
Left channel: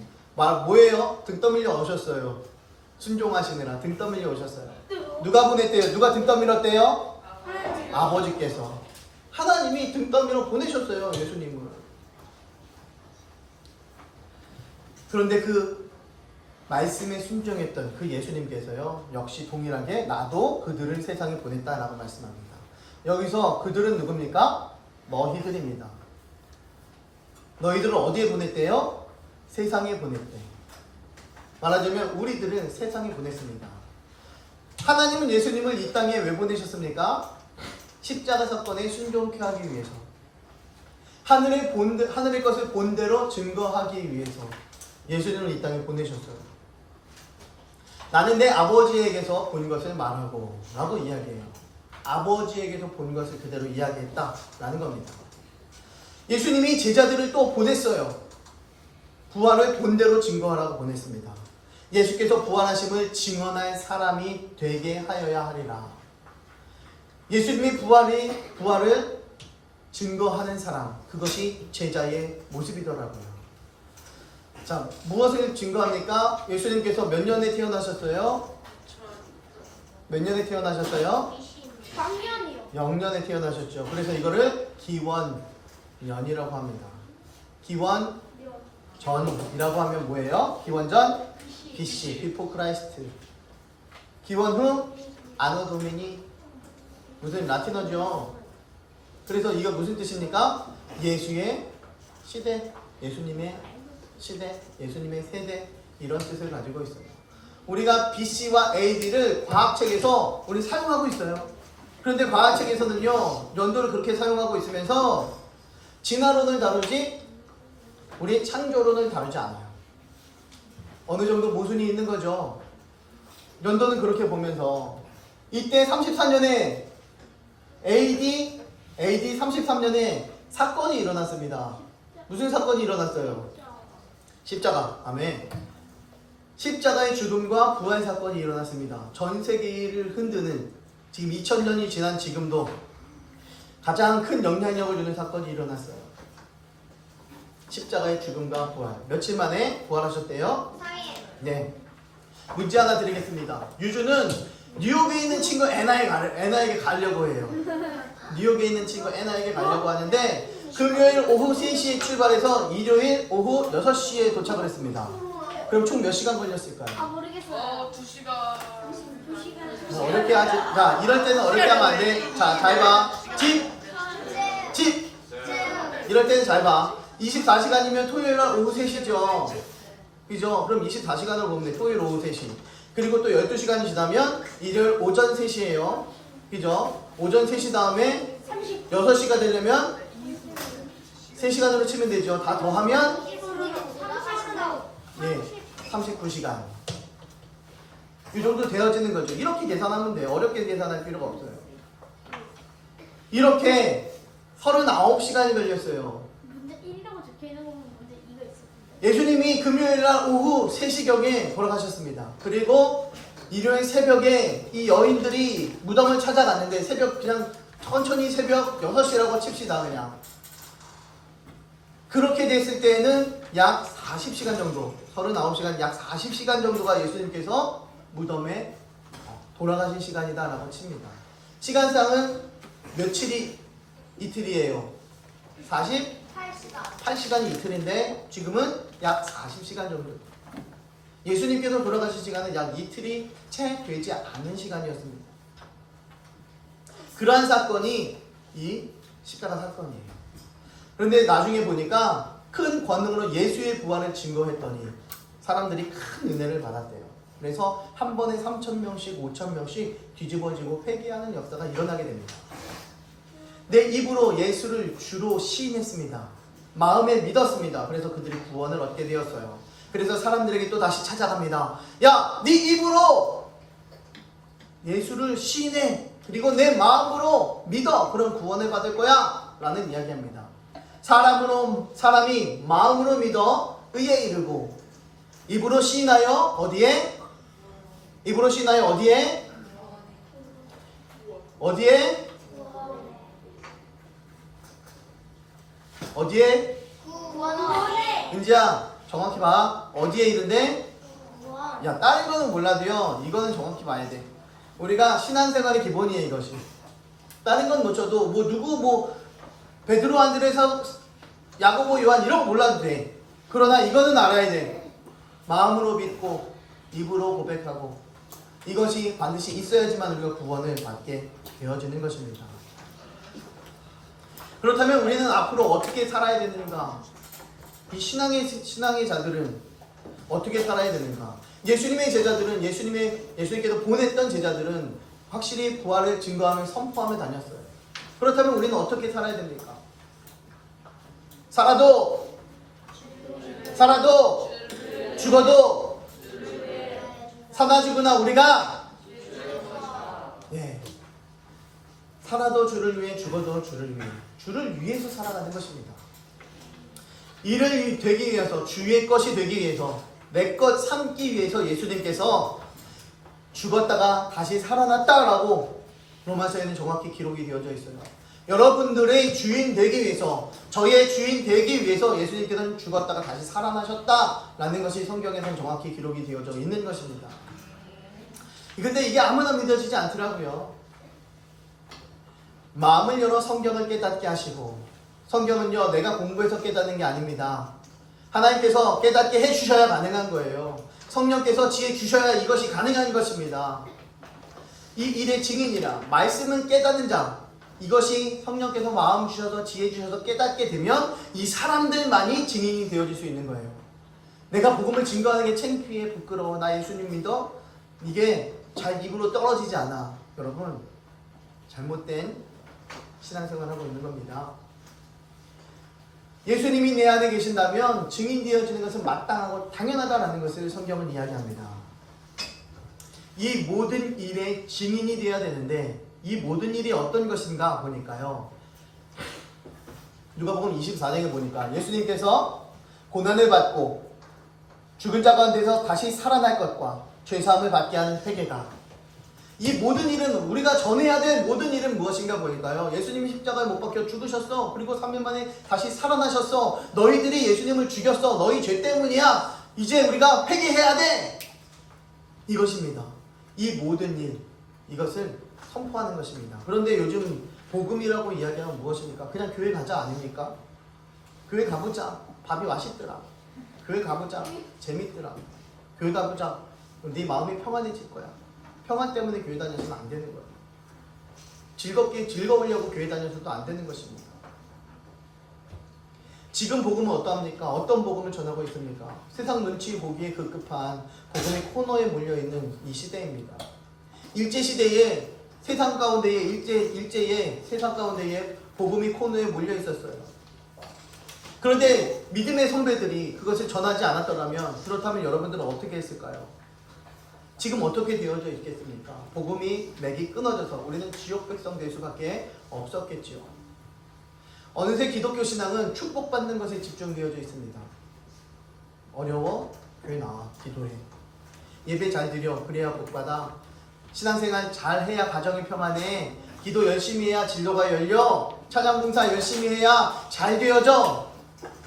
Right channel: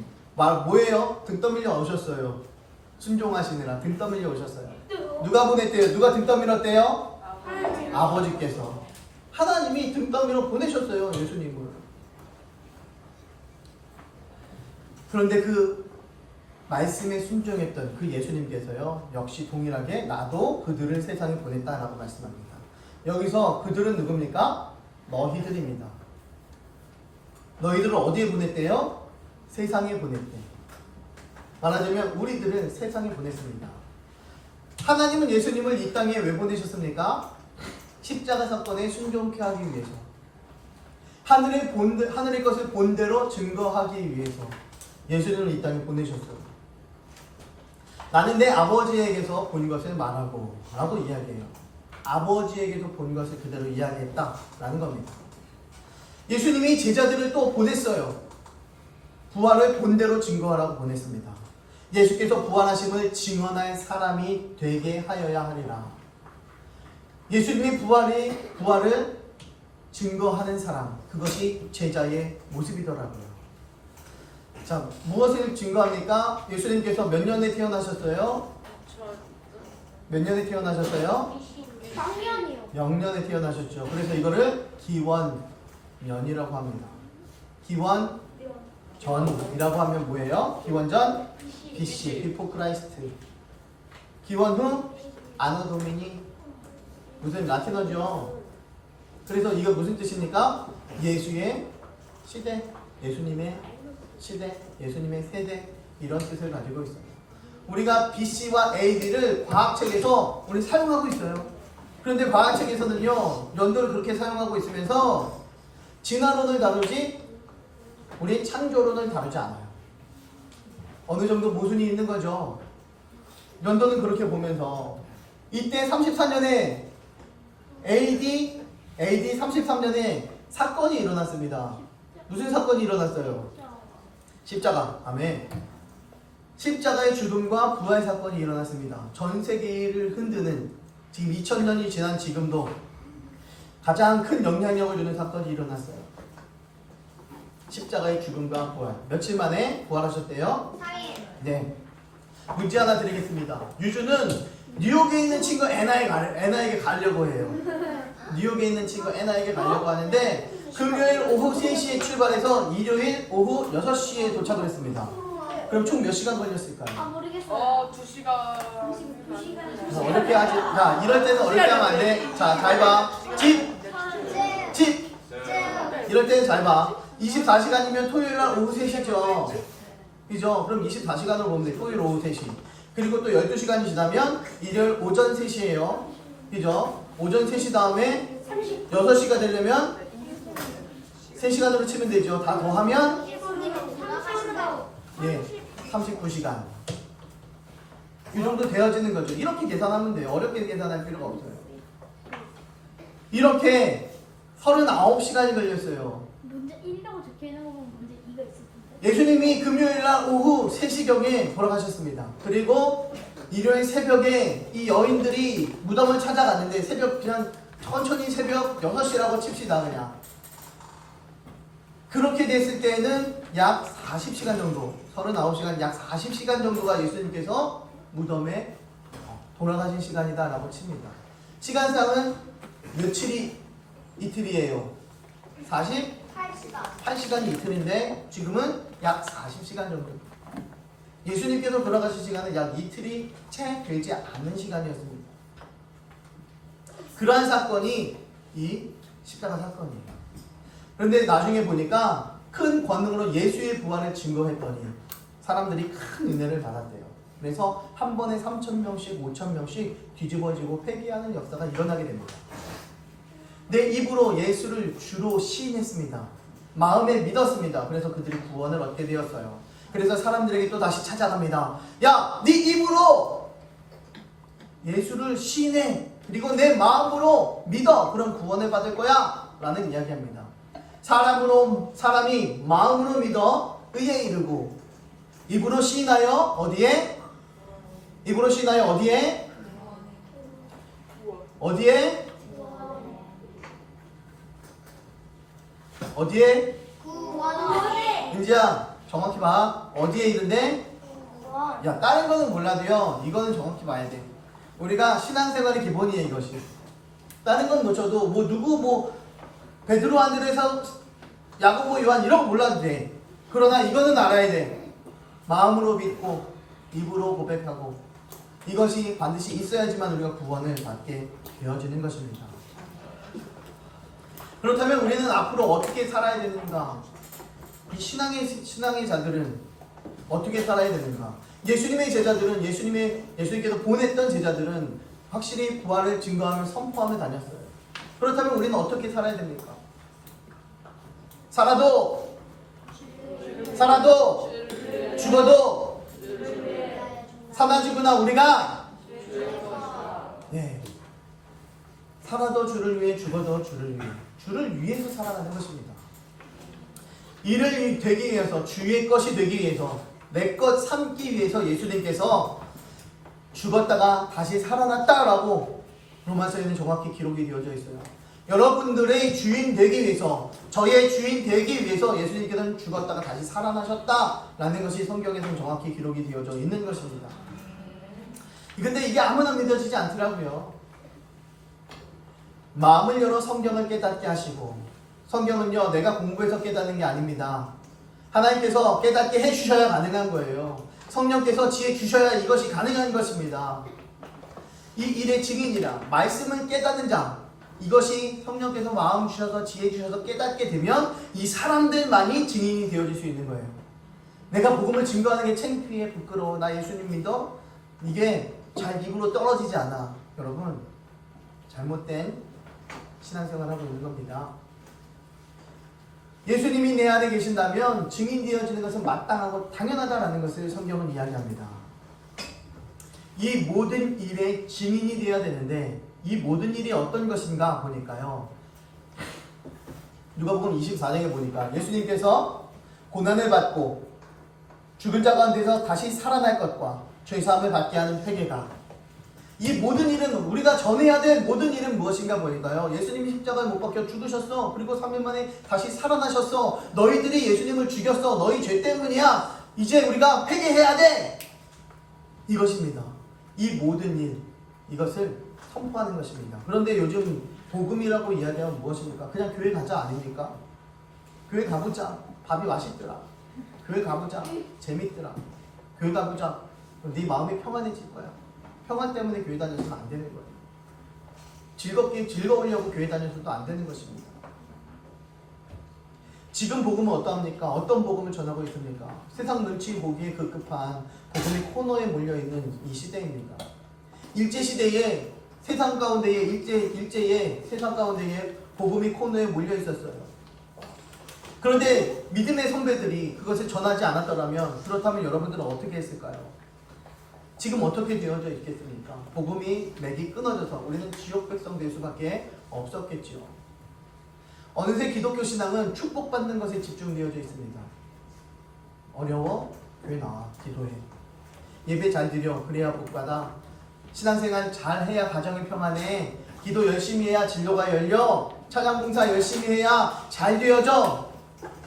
뭐예요? 등 떠밀려 오셨어요. 순종하시느라 등 떠밀려 오셨어요. 누가 보냈대요? 누가 등 떠밀었대요? 아버지께서. 하나님이 등 떠밀어 보내셨어요. 예수님을. 그런데 그 말씀에 순종했던 그 예수님께서요, 역시 동일하게 나도 그들을 세상에 보냈다라고 말씀합니다. 여기서 그들은 누굽니까? 너희들입니다. 너희들을 어디에 보냈대요? 세상에 보냈대. 말하자면 우리들은 세상에 보냈습니다. 하나님은 예수님을 이 땅에 왜 보내셨습니까? 십자가 사건에 순종케 하기 위해서. 하늘의 것을 본대로 증거하기 위해서 예수님을 이 땅에 보내셨어요. 나는 내 아버지에게서 본 것을 말하고 라고 이야기해요. 아버지에게서 본 것을 그대로 이야기했다 라는 겁니다. 예수님이 제자들을 또 보냈어요. 부활을 본대로 증거하라고 보냈습니다. 예수께서 부활하심을 증언할 사람이 되게 하여야 하리라. 예수님이 부활을 증거하는 사람, 그것이 제자의 모습이더라고요. 자, 무엇을 증거합니까? 예수님께서 몇 년에 태어나셨어요? 몇 년에 태어나셨어요? 작년이요. 0년에 태어나셨죠. 그래서 이거를 기원년이라고 합니다. 기원전이라고 하면 뭐예요? 기원전 BC, Before Christ. 기원 후 아노 도미니. 무슨 라틴어죠. 그래서 이거 무슨 뜻입니까? 예수의 시대, 예수님의 시대, 예수님의 세대, 이런 뜻을 가지고 있어요. 우리가 BC와 AD를 과학책에서 우리 사용하고 있어요. 그런데 과학책에서는요, 연도를 그렇게 사용하고 있으면서 진화론을 다루지 우리 창조론을 다루지 않아요. 어느 정도 모순이 있는 거죠. 연도는 그렇게 보면서 이때 34년에 AD 33년에 사건이 일어났습니다. 무슨 사건이 일어났어요? 십자가. 아멘. 십자가의 죽음과 부활 사건이 일어났습니다. 전 세계를 흔드는, 지금 2000년이 지난 지금도 가장 큰 영향력을 주는 사건이 일어났어요. 십자가의 죽음과 부활. 며칠 만에 부활하셨대요? 4일. 네. 문제 하나 드리겠습니다. 유주는 뉴욕에 있는 친구 애나에게 가려고 해요. 뉴욕에 있는 친구 애나에게 가려고 하는데 금요일 오후 3시에 출발해서 일요일 오후 6시에 도착을 했습니다. 그럼 총 몇 시간 걸렸을까요? 모르겠어요. 2시간. 자, 어렵게 하지. 자, 이럴 때는 어렵게 하면 안 돼. 자, 잘 봐. 집. 이럴 때는 잘 봐. 24시간이면 토요일 날 오후 3시죠. 그죠? 그럼 24시간을 보면 돼. 토요일 오후 3시. 그리고 또 12시간이 지나면 일요일 오전 3시예요. 그죠? 오전 3시 다음에 6시가 되려면 3시간으로 치면 되죠. 다 더하면 예, 39시간. 이 정도 되어지는 거죠. 이렇게 계산하면 돼요. 어렵게 계산할 필요가 없어요. 이렇게 39시간이 걸렸어요. 문제 1이라고 적혀있는 거 보면 문제 2가 있을 텐데. 예수님이 금요일날 오후 3시경에 돌아가셨습니다. 그리고 일요일 새벽에 이 여인들이 무덤을 찾아갔는데 새벽 그냥 천천히 새벽 6시라고 칩시다 그냥. 그렇게 됐을 때에는 약 40시간 정도, 39시간 약 40시간 정도가 예수님께서 무덤에 돌아가신 시간이다 라고 칩니다. 시간상은 며칠이 이틀이에요? 48시간이 이틀인데 지금은 약 40시간 정도. 예수님께서 돌아가신 시간은 약 이틀이 채 되지 않는 시간이었습니다. 그러한 사건이 이 십자가 사건이에요. 그런데 나중에 보니까 큰 권능으로 예수의 부활을 증거했더니 사람들이 큰 은혜를 받았대요. 그래서 한 번에 3,000명씩 5,000명씩 뒤집어지고 회개하는 역사가 일어나게 됩니다. 내 입으로 예수를 주로 시인했습니다. 마음에 믿었습니다. 그래서 그들이 구원을 얻게 되었어요. 그래서 사람들에게 또 다시 찾아갑니다. 야, 네 입으로 예수를 시인해. 그리고 내 마음으로 믿어. 그럼 구원을 받을 거야. 라는 이야기합니다. 사람이 마음으로 믿어 의에 이르고 입으로 시인하여 어디에? 입으로 시인하여 어디에? 어디에? 어디에? 인지야 정확히 봐. 어디에 이른데? 야, 다른 거는 몰라도요, 이거는 정확히 봐야 돼. 우리가 신앙생활의 기본이에요, 이것이. 다른 건 놓쳐도 누구 베드로, 안드레사, 야고보, 요한 이런 거 몰라도 돼. 그러나 이거는 알아야 돼. 마음으로 믿고 입으로 고백하고 이것이 반드시 있어야지만 우리가 구원을 받게 되어지는 것입니다. 그렇다면 우리는 앞으로 어떻게 살아야 되는가? 이 신앙의 자들은 어떻게 살아야 되는가? 예수님의 제자들은 예수님께서 보냈던 제자들은 확실히 부활을 증거하며 선포하며 다녔어요. 그렇다면 우리는 어떻게 살아야 됩니까? 살아도 죽어도 사나지구나 우리가 살아도 주를 위해 죽어도 주를 위해서 살아가는 것입니다. 이를 되기 위해서 주의 것이 되기 위해서 내 것 삼기 위해서 예수님께서 죽었다가 다시 살아났다라고 로마서에는 정확히 기록이 되어져 있어요. 여러분들의 주인 되기 위해서 저의 주인 되기 위해서 예수님께서는 죽었다가 다시 살아나셨다라는 것이 성경에서는 정확히 기록이 되어져 있는 것입니다. 근데 이게 아무나 믿어지지 않더라고요. 마음을 열어 성경을 깨닫게 하시고, 성경은요 내가 공부해서 깨닫는 게 아닙니다. 하나님께서 깨닫게 해주셔야 가능한 거예요. 성령께서 지혜 주셔야 이것이 가능한 것입니다. 이 일의 증인이라 말씀은 깨닫는 자, 이것이 성령께서 마음 주셔서 지혜 주셔서 깨닫게 되면 이 사람들만이 증인이 되어질 수 있는 거예요. 내가 복음을 증거하는 게 창피해, 부끄러워, 나 예수님 믿어, 이게 잘 입으로 떨어지지 않아. 여러분, 잘못된 신앙생활을 하고 있는 겁니다. 예수님이 내 안에 계신다면 증인되어지는 것은 마땅하고 당연하다라는 것을 성경은 이야기합니다. 이 모든 일의 증인이 되어야 되는데 이 모든 일이 어떤 것인가 보니까요. 누가복음 24장에 보니까 예수님께서 고난을 받고 죽은 자 가운데서 다시 살아날 것과 죄사함을 받게 하는 회개가, 이 모든 일은, 우리가 전해야 될 모든 일은 무엇인가 보니까요. 예수님이 십자가에 못 박혀 죽으셨어. 그리고 3일 만에 다시 살아나셨어. 너희들이 예수님을 죽였어. 너희 죄 때문이야. 이제 우리가 회개해야 돼. 이것입니다. 이 모든 일, 이것을 선포하는 것입니다. 그런데 요즘 복음이라고 이야기하면 무엇입니까? 그냥 교회 가자 아닙니까? 교회 가보자. 밥이 맛있더라. 교회 가보자. 재밌더라. 교회 가보자. 네 마음이 평안해질 거야. 평안 때문에 교회 다녀서는 안 되는 거예요. 즐거우려고 교회 다녀서도 안 되는 것입니다. 지금 복음은 어떠합니까? 어떤 복음을 전하고 있습니까? 세상 눈치 보기에 급급한 복음이 코너에 몰려있는 이 시대입니다. 일제시대에 세상 가운데에 일제의 세상 가운데에 복음이 코너에 몰려있었어요. 그런데 믿음의 선배들이 그것을 전하지 않았더라면, 그렇다면 여러분들은 어떻게 했을까요? 지금 어떻게 되어져 있겠습니까? 복음이 맥이 끊어져서 우리는 지옥 백성 될 수밖에 없었겠지요. 어느새 기독교 신앙은 축복받는 것에 집중되어져 있습니다. 어려워? 교회 나와. 기도해. 예배 잘 드려. 그래야 복받아. 신앙생활 잘 해야 가정이 평안해. 기도 열심히 해야 진로가 열려. 찬양봉사 열심히 해야 잘 되어져.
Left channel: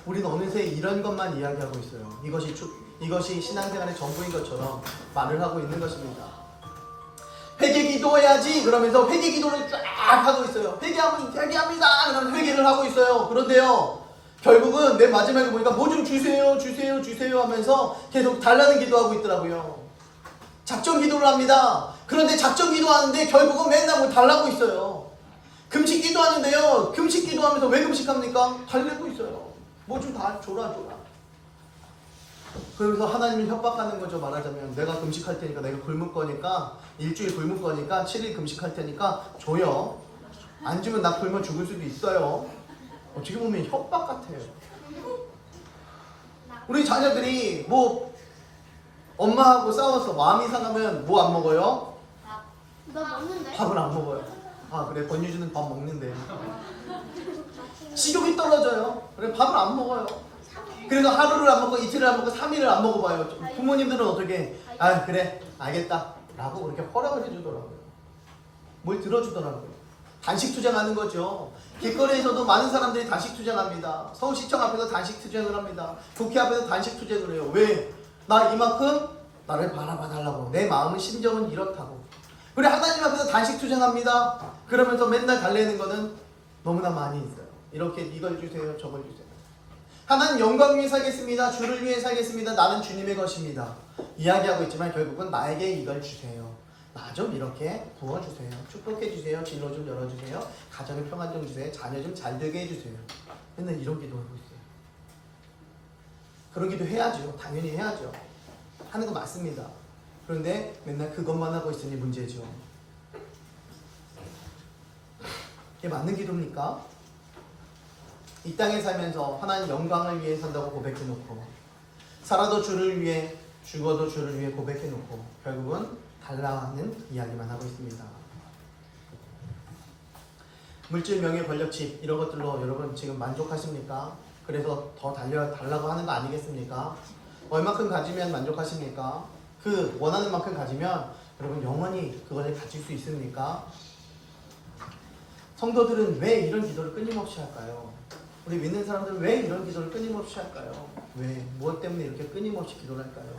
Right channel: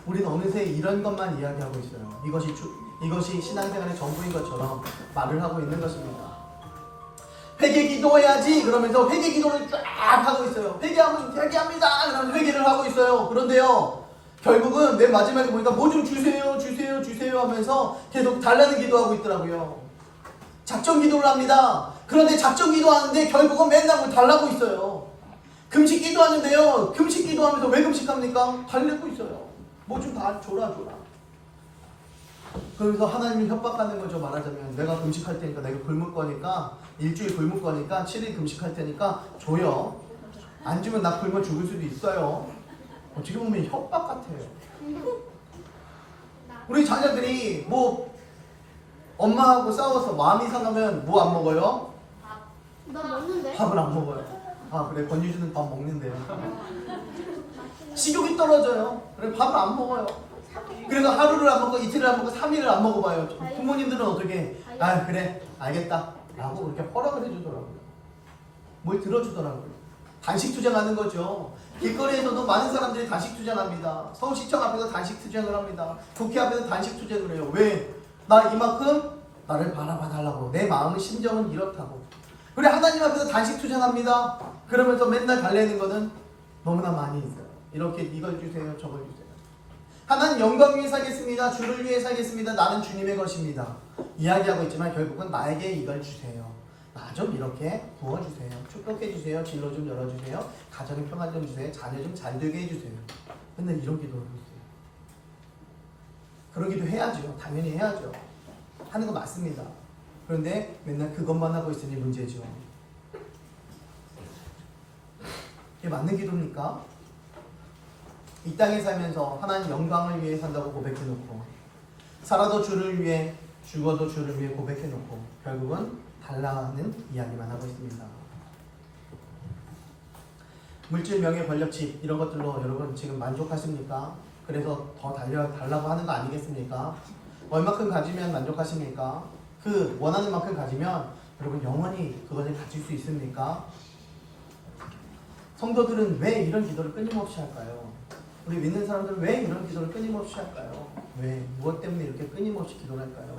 우리는 어느새 이런 것만 이야기하고 있어요. 이것이 신앙생활의 전부인 것처럼 말을 하고 있는 것입니다. 회개 기도해야지 그러면서 회개 기도를 쫙 하고 있어요. 회개합니다 그러면 회개를 하고 있어요. 그런데요, 결국은 맨 마지막에 보니까 뭐 좀 주세요 하면서 계속 달라는 기도하고 있더라고요. 작정 기도를 합니다. 그런데 작정 기도하는데 결국은 맨날 뭐 달라고 있어요. 금식 기도하는데요, 금식 기도하면서 왜 금식합니까? 달래고 있어요. 뭐 좀 다 줘라. 그러면서 하나님을 협박하는 거죠. 말하자면 내가 금식할 테니까, 내가 굶을 거니까, 일주일 굶을 거니까 7일 금식할 테니까 줘요. 안 주면 나 굶어 죽을 수도 있어요. 어떻게 보면 협박 같아요. 우리 자녀들이 뭐 엄마하고 싸워서 마음이 상하면 뭐 안 먹어요? 나 먹는데? 밥을 안 먹어요. 아 그래, 권유주는 밥 먹는데. 식욕이 떨어져요. 그래, 밥을 안 먹어요. 그래서 하루를 안 먹고 이틀을 안 먹고 3일을 안 먹어봐요. 부모님들은 어떻게, 아 그래 알겠다 라고 그렇게 허락을 해주더라고요. 뭘 들어주더라고요. 단식 투쟁하는 거죠. 길거리에서도 많은 사람들이 단식 투쟁합니다. 서울시청 앞에서 단식 투쟁을 합니다. 국회 앞에서 단식 투쟁을 해요. 왜? 나 이만큼 나를 바라봐달라고. 내 마음은 심정은 이렇다고. 우리 하나님 앞에서 단식 투쟁합니다. 그러면서 맨날 달래는 거는 너무나 많이 있어요. 이렇게 이걸 주세요, 저걸 주세요. 하나님 영광 위해 살겠습니다. 주를 위해 살겠습니다. 나는 주님의 것입니다. 이야기하고 있지만 결국은 나에게 이걸 주세요. 나 좀 이렇게 부어주세요. 축복해주세요. 진로 좀 열어주세요. 가정의 평안 좀 주세요. 자녀 좀 잘 되게 해주세요. 맨날 이런 기도하고 있어요. 그러기도 해야죠. 당연히 해야죠. 하는 거 맞습니다. 그런데 맨날 그것만 하고 있으니 문제죠. 이게 맞는 기도입니까? 이 땅에 살면서 하나님 영광을 위해 산다고 고백해놓고, 살아도 주를 위해, 죽어도 주를 위해 고백해놓고 결국은 달라는 이야기만 하고 있습니다. 물질, 명예, 권력치 이런 것들로 여러분 지금 만족하십니까? 그래서 더 달라고 하는 거 아니겠습니까? 얼마큼 가지면 만족하십니까? 그 원하는 만큼 가지면 여러분 영원히 그것을 가질 수 있습니까? 성도들은 왜 이런 기도를 끊임없이 할까요? 우리 믿는 사람들은 왜 이런 기도를 끊임없이 할까요? 왜? 무엇 때문에 이렇게 끊임없이 기도를 할까요?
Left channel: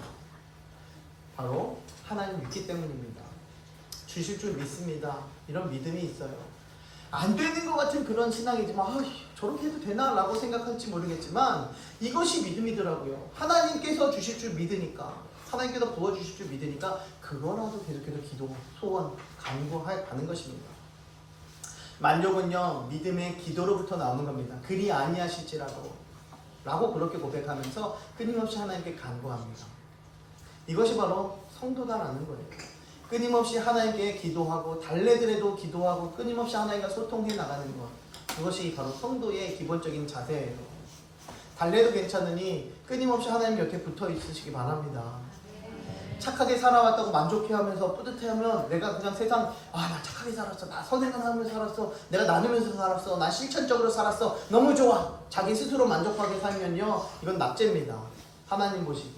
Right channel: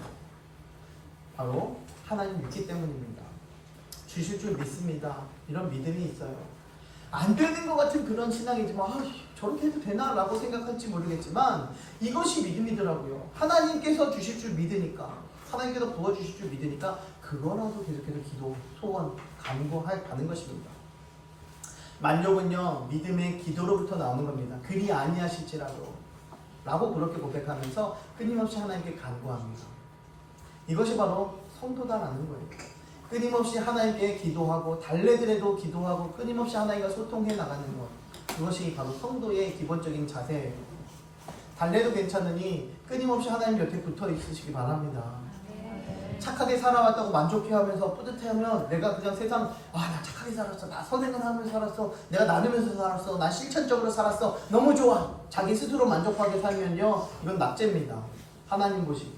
바로 하나님 믿기 때문입니다. 주실 줄 믿습니다. 이런 믿음이 있어요. 안 되는 것 같은 그런 신앙이지만 저렇게 해도 되나? 라고 생각할지 모르겠지만 이것이 믿음이더라고요. 하나님께서 주실 줄 믿으니까, 하나님께서 부어주실 줄 믿으니까 그거라도 계속해서 기도, 소원, 간구해 가는 것입니다. 만족은요, 믿음의 기도로부터 나오는 겁니다. 그리 아니하실지라도 라고 그렇게 고백하면서 끊임없이 하나님께 간구합니다. 이것이 바로 성도다라는 거예요. 끊임없이 하나님께 기도하고 달래더라도 기도하고 끊임없이 하나님과 소통해 나가는 것, 그것이 바로 성도의 기본적인 자세예요. 달래도 괜찮으니 끊임없이 하나님 곁에 붙어 있으시기 바랍니다. 착하게 살아왔다고 만족해하면서 뿌듯해하면 내가 그냥 세상 나 착하게 살았어, 나 선행을 살았어, 내가 나누면서 살았어, 나 실천적으로 살았어, 너무 좋아, 자기 스스로 만족하게 살면요, 이건 낙제입니다. 하나님 보시기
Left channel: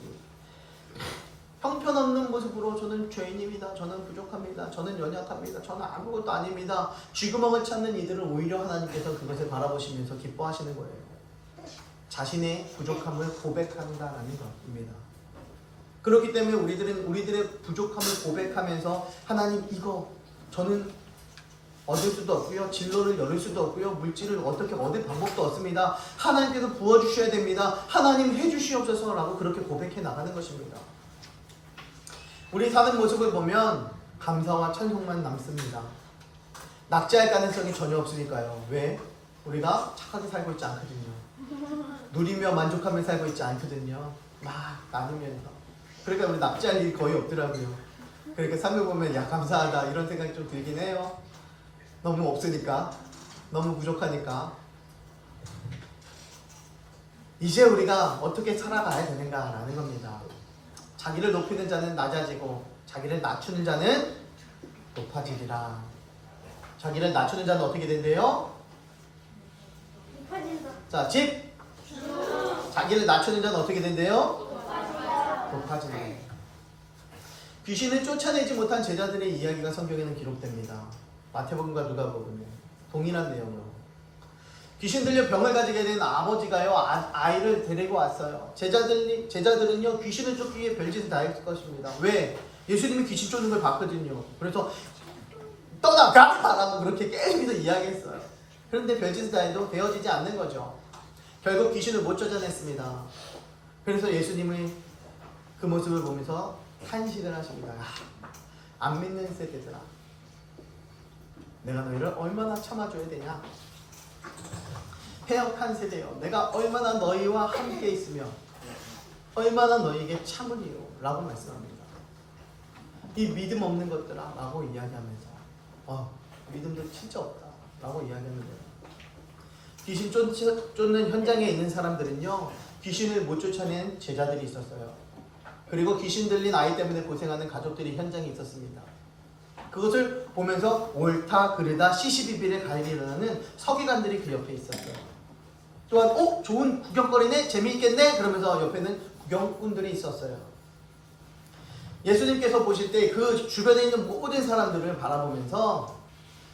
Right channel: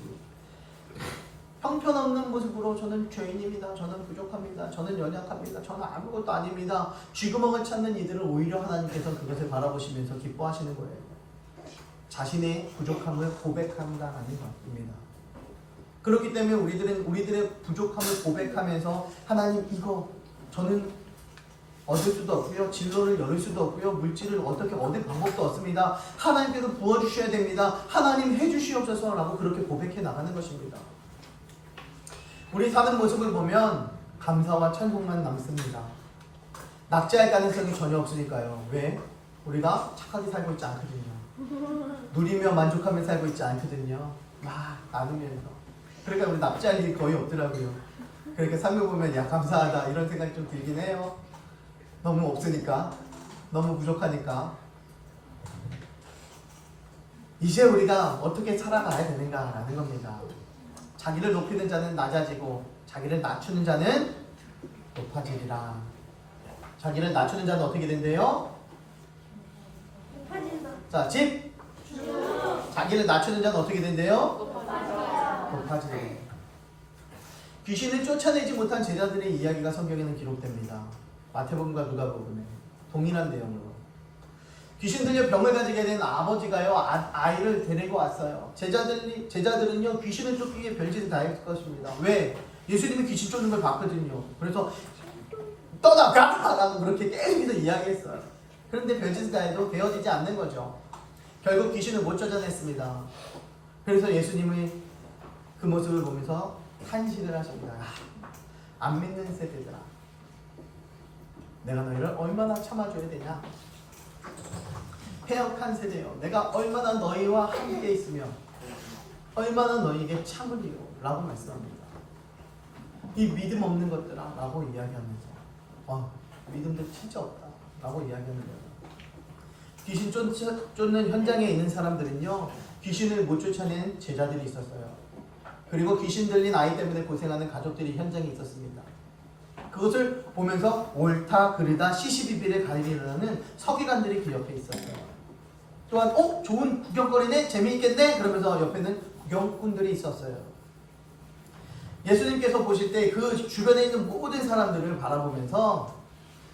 형편없는 모습으로 저는 죄인입니다, 저는 부족합니다, 저는 연약합니다, 저는 아무것도 아닙니다, 쥐구멍을 찾는 이들을 오히려 하나님께서 그것을 바라보시면서 기뻐하시는 거예요. 자신의 부족함을 고백한다는 것입니다. 그렇기 때문에 우리들의 부족함을 고백하면서 하나님, 이거 저는 얻을 수도 없고요, 진로를 열을 수도 없고요, 물질을 어떻게 얻을 방법도 없습니다, 하나님께서 부어주셔야 됩니다, 하나님 해주시옵소서 라고 그렇게 고백해 나가는 것입니다. 우리 사는 모습을 보면 감사와 찬송만 남습니다. 낙제할 가능성이 전혀 없으니까요. 왜? 우리가 착하게 살고 있지 않거든요. 누리며 만족하며 살고 있지 않거든요. 막 나누면서. 그러니까 우리 납치할 일이 거의 없더라고요. 그렇게 삶을 보면 감사하다 이런 생각이 좀 들긴 해요. 너무 없으니까, 너무 부족하니까. 이제 우리가 어떻게 살아가야 되는가라는 겁니다. 자기를 높이는 자는 낮아지고 자기를 낮추는 자는 높아지리라. 자기를 낮추는 자는 어떻게 된대요? 자, 집. 자기를 낮추는 자는 어떻게 된대요? 높아지리라. 귀신을 쫓아내지 못한 제자들의 이야기가 성경에는 기록됩니다. 마태복음과 누가복음에 동일한 내용으로. 귀신 들려 병을 가지게 된 아버지가요, 아이를 데리고 왔어요. 제자들은요, 귀신을 쫓기 위해 별짓을 다 했을 것입니다. 왜? 예수님이 귀신 쫓는 걸 봤거든요. 그래서 떠나가! 라고 그렇게 계속해서 이야기했어요. 그런데 별짓을 다 해도 되어지지 않는 거죠. 결국 귀신을 못 쫓아냈습니다. 그래서 예수님이 그 모습을 보면서 탄식을 하십니다. 안 믿는 세대들아, 내가 너희를 얼마나 참아줘야 되냐? 패역한 세대여, 내가 얼마나 너희와 함께 있으며 얼마나 너희에게 참으리요 라고 말씀합니다. 이 믿음 없는 것들아 라고 이야기하면서 믿음도 진짜 없다 라고 이야기하는 거예요. 귀신 쫓는 현장에 있는 사람들은요, 귀신을 못 쫓아낸 제자들이 있었어요. 그리고 귀신 들린 아이 때문에 고생하는 가족들이 현장에 있었습니다. 그것을 보면서 옳다 그르다 시시비비를 가리려는 서기관들이 그 옆에 있었어요. 또한 좋은 구경거리네, 재미있겠네, 그러면서 옆에는 구경꾼들이 있었어요. 예수님께서 보실 때 그 주변에 있는 모든 사람들을 바라보면서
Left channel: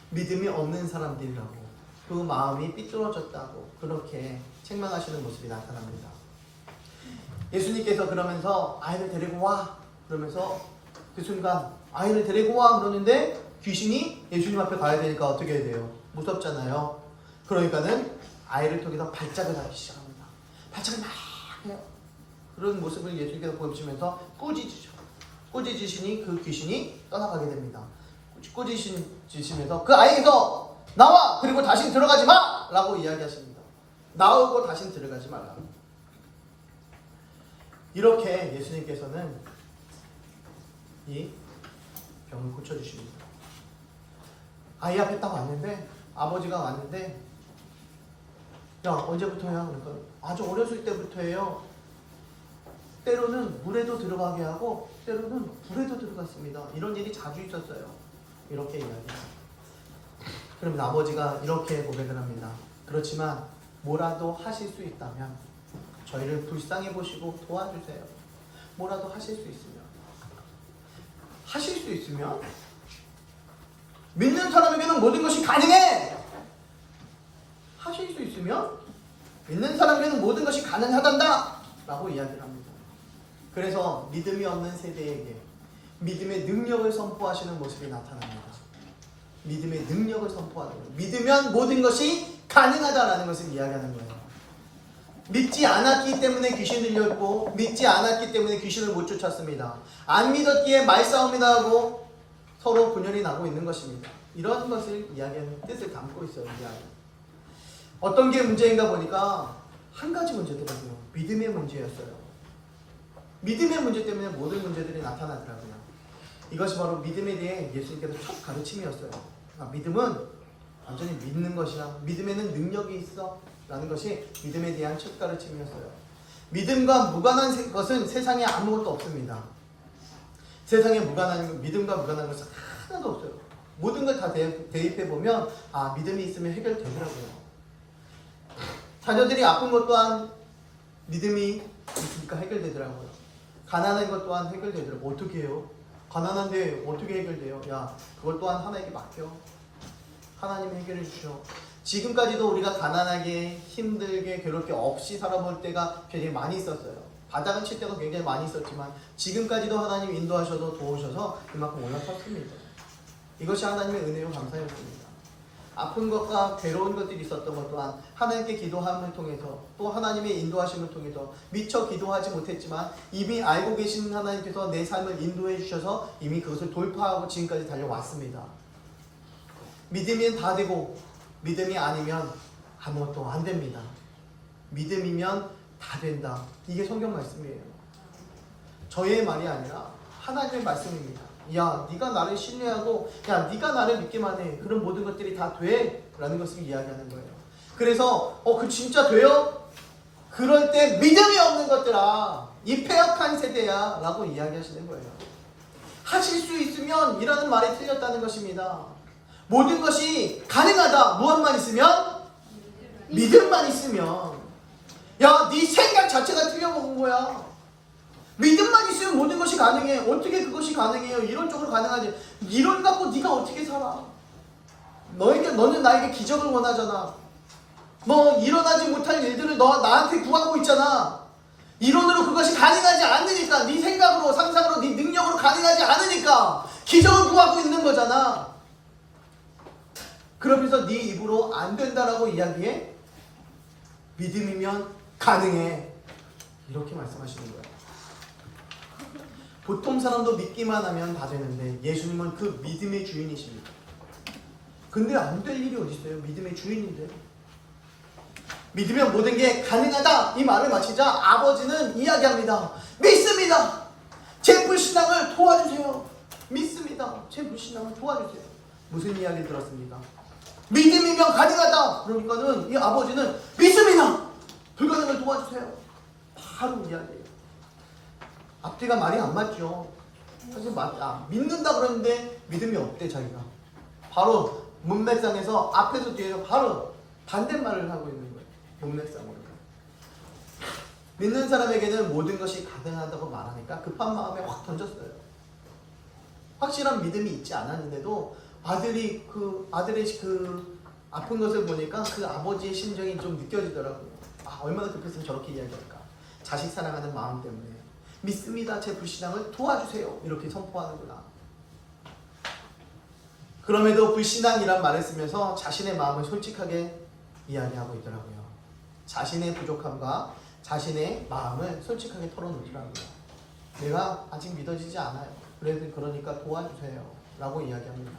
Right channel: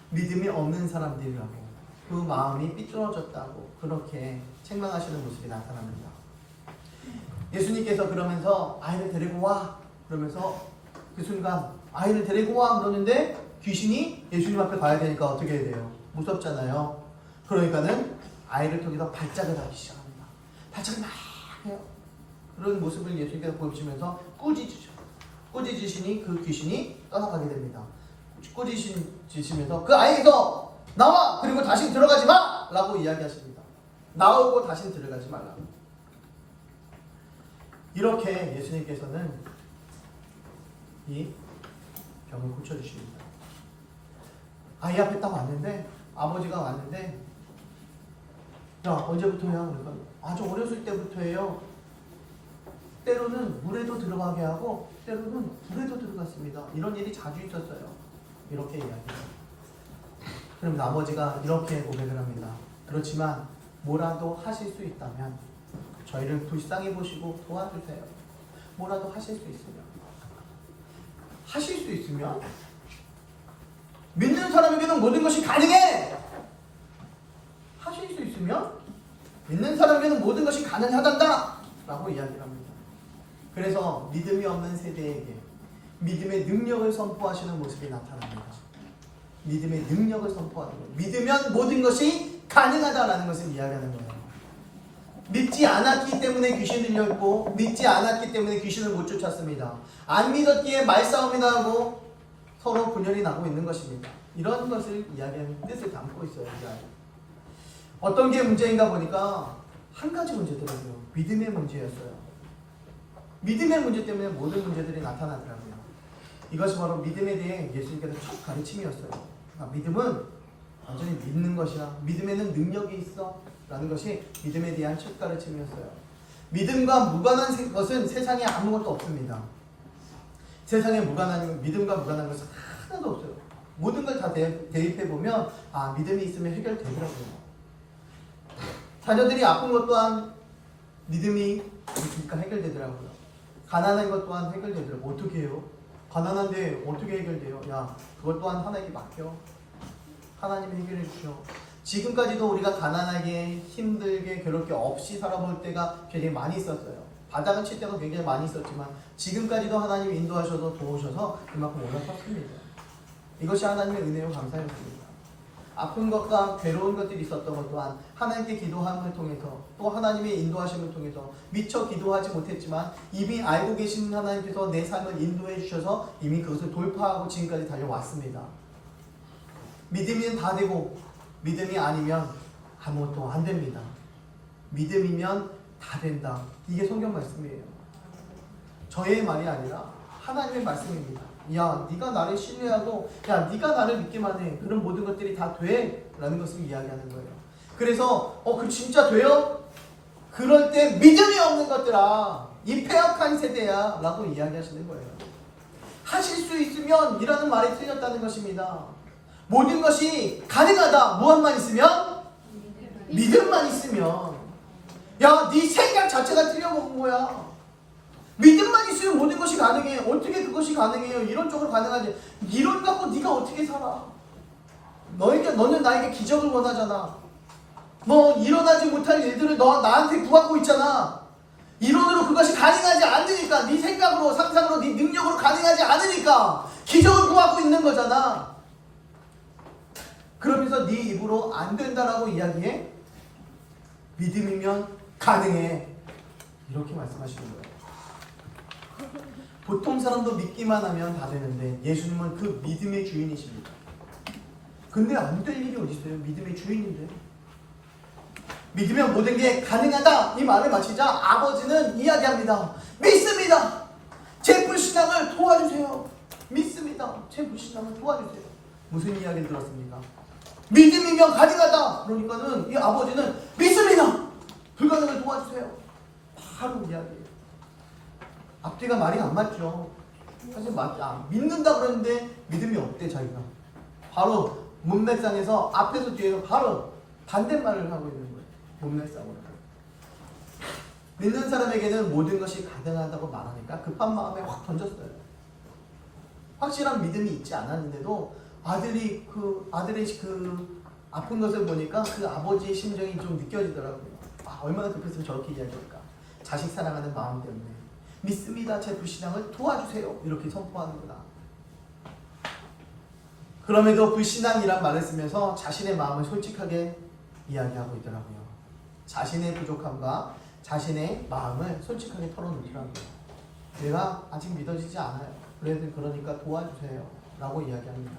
믿음이 없는 사람들이라고, 그 마음이 삐뚤어졌다고 그렇게 책망하시는 모습이 나타납니다. 예수님께서 그러면서 아이를 데리고 와 그러면서 그 순간 아이를 데리고 와 그러는데 귀신이 예수님 앞에 가야 되니까 어떻게 해야 돼요? 무섭잖아요. 그러니까는 아이를 통해서 발작을 하기 시작합니다. 발작을 막 해요. 그런 모습을 예수님께서 보시면서 꾸짖으셔. 꾸짖으시니 그 귀신이 떠나가게 됩니다. 꾸짖으시면서 그 아이에게서 나와! 그리고 다시 들어가지 마! 라고 이야기하십니다. 나오고 다시 들어가지 말라. 이렇게 예수님께서는 이 병을 고쳐주십니다. 아이 앞에 딱 왔는데, 아버지가 왔는데, 야, 언제부터야? 그러니까 아주 어렸을 때부터예요. 때로는 물에도 들어가게 하고 때로는 불에도 들어갔습니다. 이런 일이 자주 있었어요. 이렇게 이야기해요. 그러면 아버지가 이렇게 고백을 합니다. 그렇지만 뭐라도 하실 수 있다면 저희를 불쌍히 보시고 도와주세요. 뭐라도 하실 수 있으면 믿는 사람에게는 모든 것이 가능해. 하실 수 있으면 믿는 사람에게는 모든 것이 가능하단다 라고 이야기를 합니다. 그래서 믿음이 없는 세대에게 믿음의 능력을 선포하시는 모습이 나타납니다. 믿음의 능력을 선포하는 거예요. 믿으면 모든 것이 가능하다라는 것을 이야기하는 거예요. 믿지 않았기 때문에 귀신을 들렸고 믿지 않았기 때문에 귀신을 못 쫓았습니다. 안 믿었기에 말싸움이 나고 서로 분열이 나고 있는 것입니다. 이런 것을 이야기하는 뜻을 담고 있어요. 이야기. 어떤 게 문제인가 보니까 한 가지 문제더라고요. 믿음의 문제였어요. 믿음의 문제 때문에 모든 문제들이 나타나더라고요. 이것이 바로 믿음에 대해 예수님께서 첫 가르침이었어요. 믿음은 완전히 믿는 것이야. 믿음에는 능력이 있어. 라는 것이 믿음에 대한 첫 가르침이었어요. 믿음과 무관한 것은 세상에 아무것도 없습니다. 세상에 믿음과 무관한 것은 하나도 없어요. 모든 걸 다 대입해보면 믿음이 있으면 해결되더라고요. 자녀들이 아픈 것 또한 믿음이 있으니까 해결되더라고요. 가난한 것 또한 해결되더라고요. 어떻게 해요? 가난한데 어떻게 해결돼요? 그걸 또한 하나님께 맡겨. 하나님 해결해 주셔. 지금까지도 우리가 가난하게 힘들게 괴롭게 없이 살아볼 때가 굉장히 많이 있었어요. 바닥을 칠 때가 굉장히 많이 있었지만 지금까지도 하나님 인도하셔서 도우셔서 그만큼 올라섰습니다. 이것이 하나님의 은혜요 감사였습니다. 아픈 것과 괴로운 것들이 있었던 것 또한 하나님께 기도함을 통해서 또 하나님의 인도하심을 통해서 미처 기도하지 못했지만 이미 알고 계신 하나님께서 내 삶을 인도해 주셔서 이미 그것을 돌파하고 지금까지 달려왔습니다. 믿으면 다 되고 믿음이 아니면 아무것도 안 됩니다. 믿음이면 다 된다. 이게 성경 말씀이에요. 저의 말이 아니라 하나님의 말씀입니다. 네가 나를 신뢰하고 네가 나를 믿기만 해. 그런 모든 것들이 다 돼. 라는 것을 이야기하는 거예요. 그래서 그 진짜 돼요? 그럴 때 믿음이 없는 것들아 이 패악한 세대야 라고 이야기하시는 거예요. 하실 수 있으면 이라는 말이 틀렸다는 것입니다. 모든 것이 가능하다. 무엇만 있으면? 믿음만 있으면. 네 생각 자체가 틀려먹은 거야. 믿음만 있으면 모든 것이 가능해. 어떻게 그것이 가능해요? 이론적으로 가능하지. 이론 갖고 네가 어떻게 살아? 너는 나에게 기적을 원하잖아. 너 일어나지 못할 일들을 나한테 구하고 있잖아. 이론으로 그것이 가능하지 않으니까 네 생각으로 상상으로 네 능력으로 가능하지 않으니까 기적을 구하고 있는 거잖아. 그러면서 네 입으로 안 된다라고 이야기해? 믿음이면 가능해. 이렇게 말씀하시는 거예요. 보통 사람도 믿기만 하면 다 되는데 예수님은 그 믿음의 주인이십니다. 근데 안 될 일이 어디 있어요? 믿음의 주인인데. 믿으면 모든 게 가능하다. 이 말을 마치자 아버지는 이야기합니다. 믿습니다. 제 불신앙을 도와주세요. 믿습니다. 제 불신앙을 도와주세요. 무슨 이야기를 들었습니까? 믿음이면 가능하다. 그러니까는 이 아버지는 믿습니다. 불가능을 도와주세요. 바로 이야기예요. 앞뒤가 말이 안 맞죠. 사실 믿는다 그랬는데 믿음이 없대 자기가. 바로 문맥상에서 앞에서 뒤에서 바로 반대말을 하고 있는 거예요. 문맥상으로. 믿는 사람에게는 모든 것이 가능하다고 말하니까 급한 마음에 확 던졌어요. 확실한 믿음이 있지 않았는데도 아들의 그 아픈 것을 보니까 그 아버지의 심정이 좀 느껴지더라고요. 얼마나 급했으면 저렇게 이야기할까. 자식 사랑하는 마음 때문에. 믿습니다. 제 불신앙을 도와주세요. 이렇게 선포하는구나. 그럼에도 불신앙이란 말을 쓰면서 자신의 마음을 솔직하게 이야기하고 있더라고요. 자신의 부족함과 자신의 마음을 솔직하게 털어놓더라고요. 내가 아직 믿어지지 않아요. 그러니까 도와주세요. 라고 이야기합니다.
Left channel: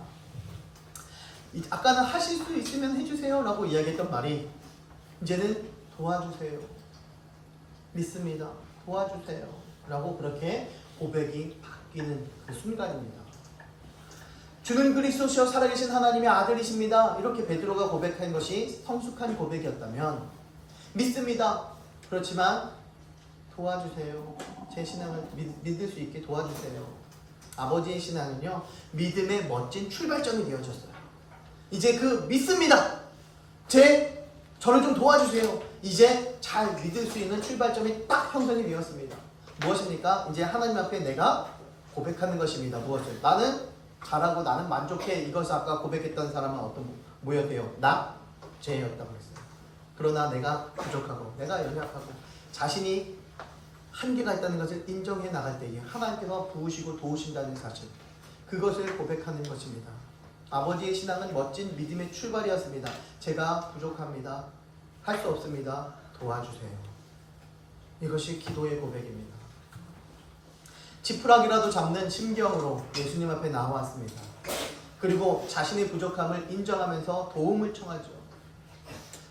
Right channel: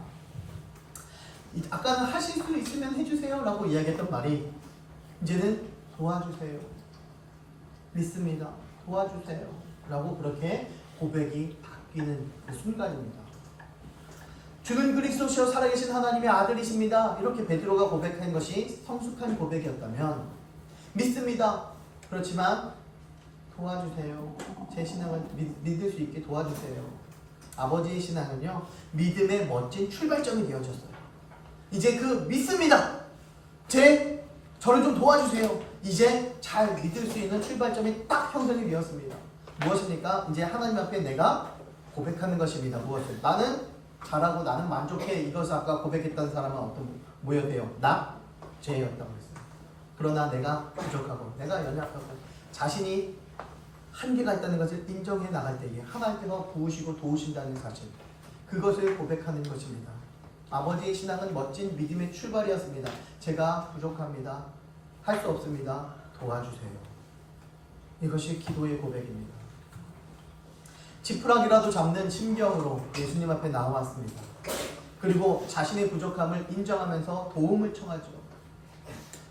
아까는 하실 수 있으면 해주세요. 라고 이야기했던 말이 이제는 도와주세요. 믿습니다. 도와주세요. 라고 그렇게 고백이 바뀌는 그 순간입니다. 주는 그리스도시요 살아계신 하나님의 아들이십니다. 이렇게 베드로가 고백한 것이 성숙한 고백이었다면 믿습니다. 그렇지만 도와주세요. 제 신앙을 믿을 수 있게 도와주세요. 아버지의 신앙은요 믿음의 멋진 출발점이 되어졌어요. 이제 그 믿습니다. 저를 좀 도와주세요. 이제 잘 믿을 수 있는 출발점이 딱 형성이 되었습니다. 무엇입니까? 이제 하나님 앞에 내가 고백하는 것입니다. 무엇을? 나는 잘하고 나는 만족해. 이것을 아까 고백했던 사람은 뭐였대요? 나? 죄였다고 했어요. 그러나 내가 부족하고 내가 연약하고 자신이 한계가 있다는 것을 인정해 나갈 때에 하나님께서 부으시고 도우신다는 사실, 그것을 고백하는 것입니다. 아버지의 신앙은 멋진 믿음의 출발이었습니다. 제가 부족합니다. 할 수 없습니다. 도와주세요. 이것이 기도의 고백입니다. 지푸라기라도 잡는 심경으로 예수님 앞에 나왔습니다. 그리고 자신의 부족함을 인정하면서 도움을 청하죠.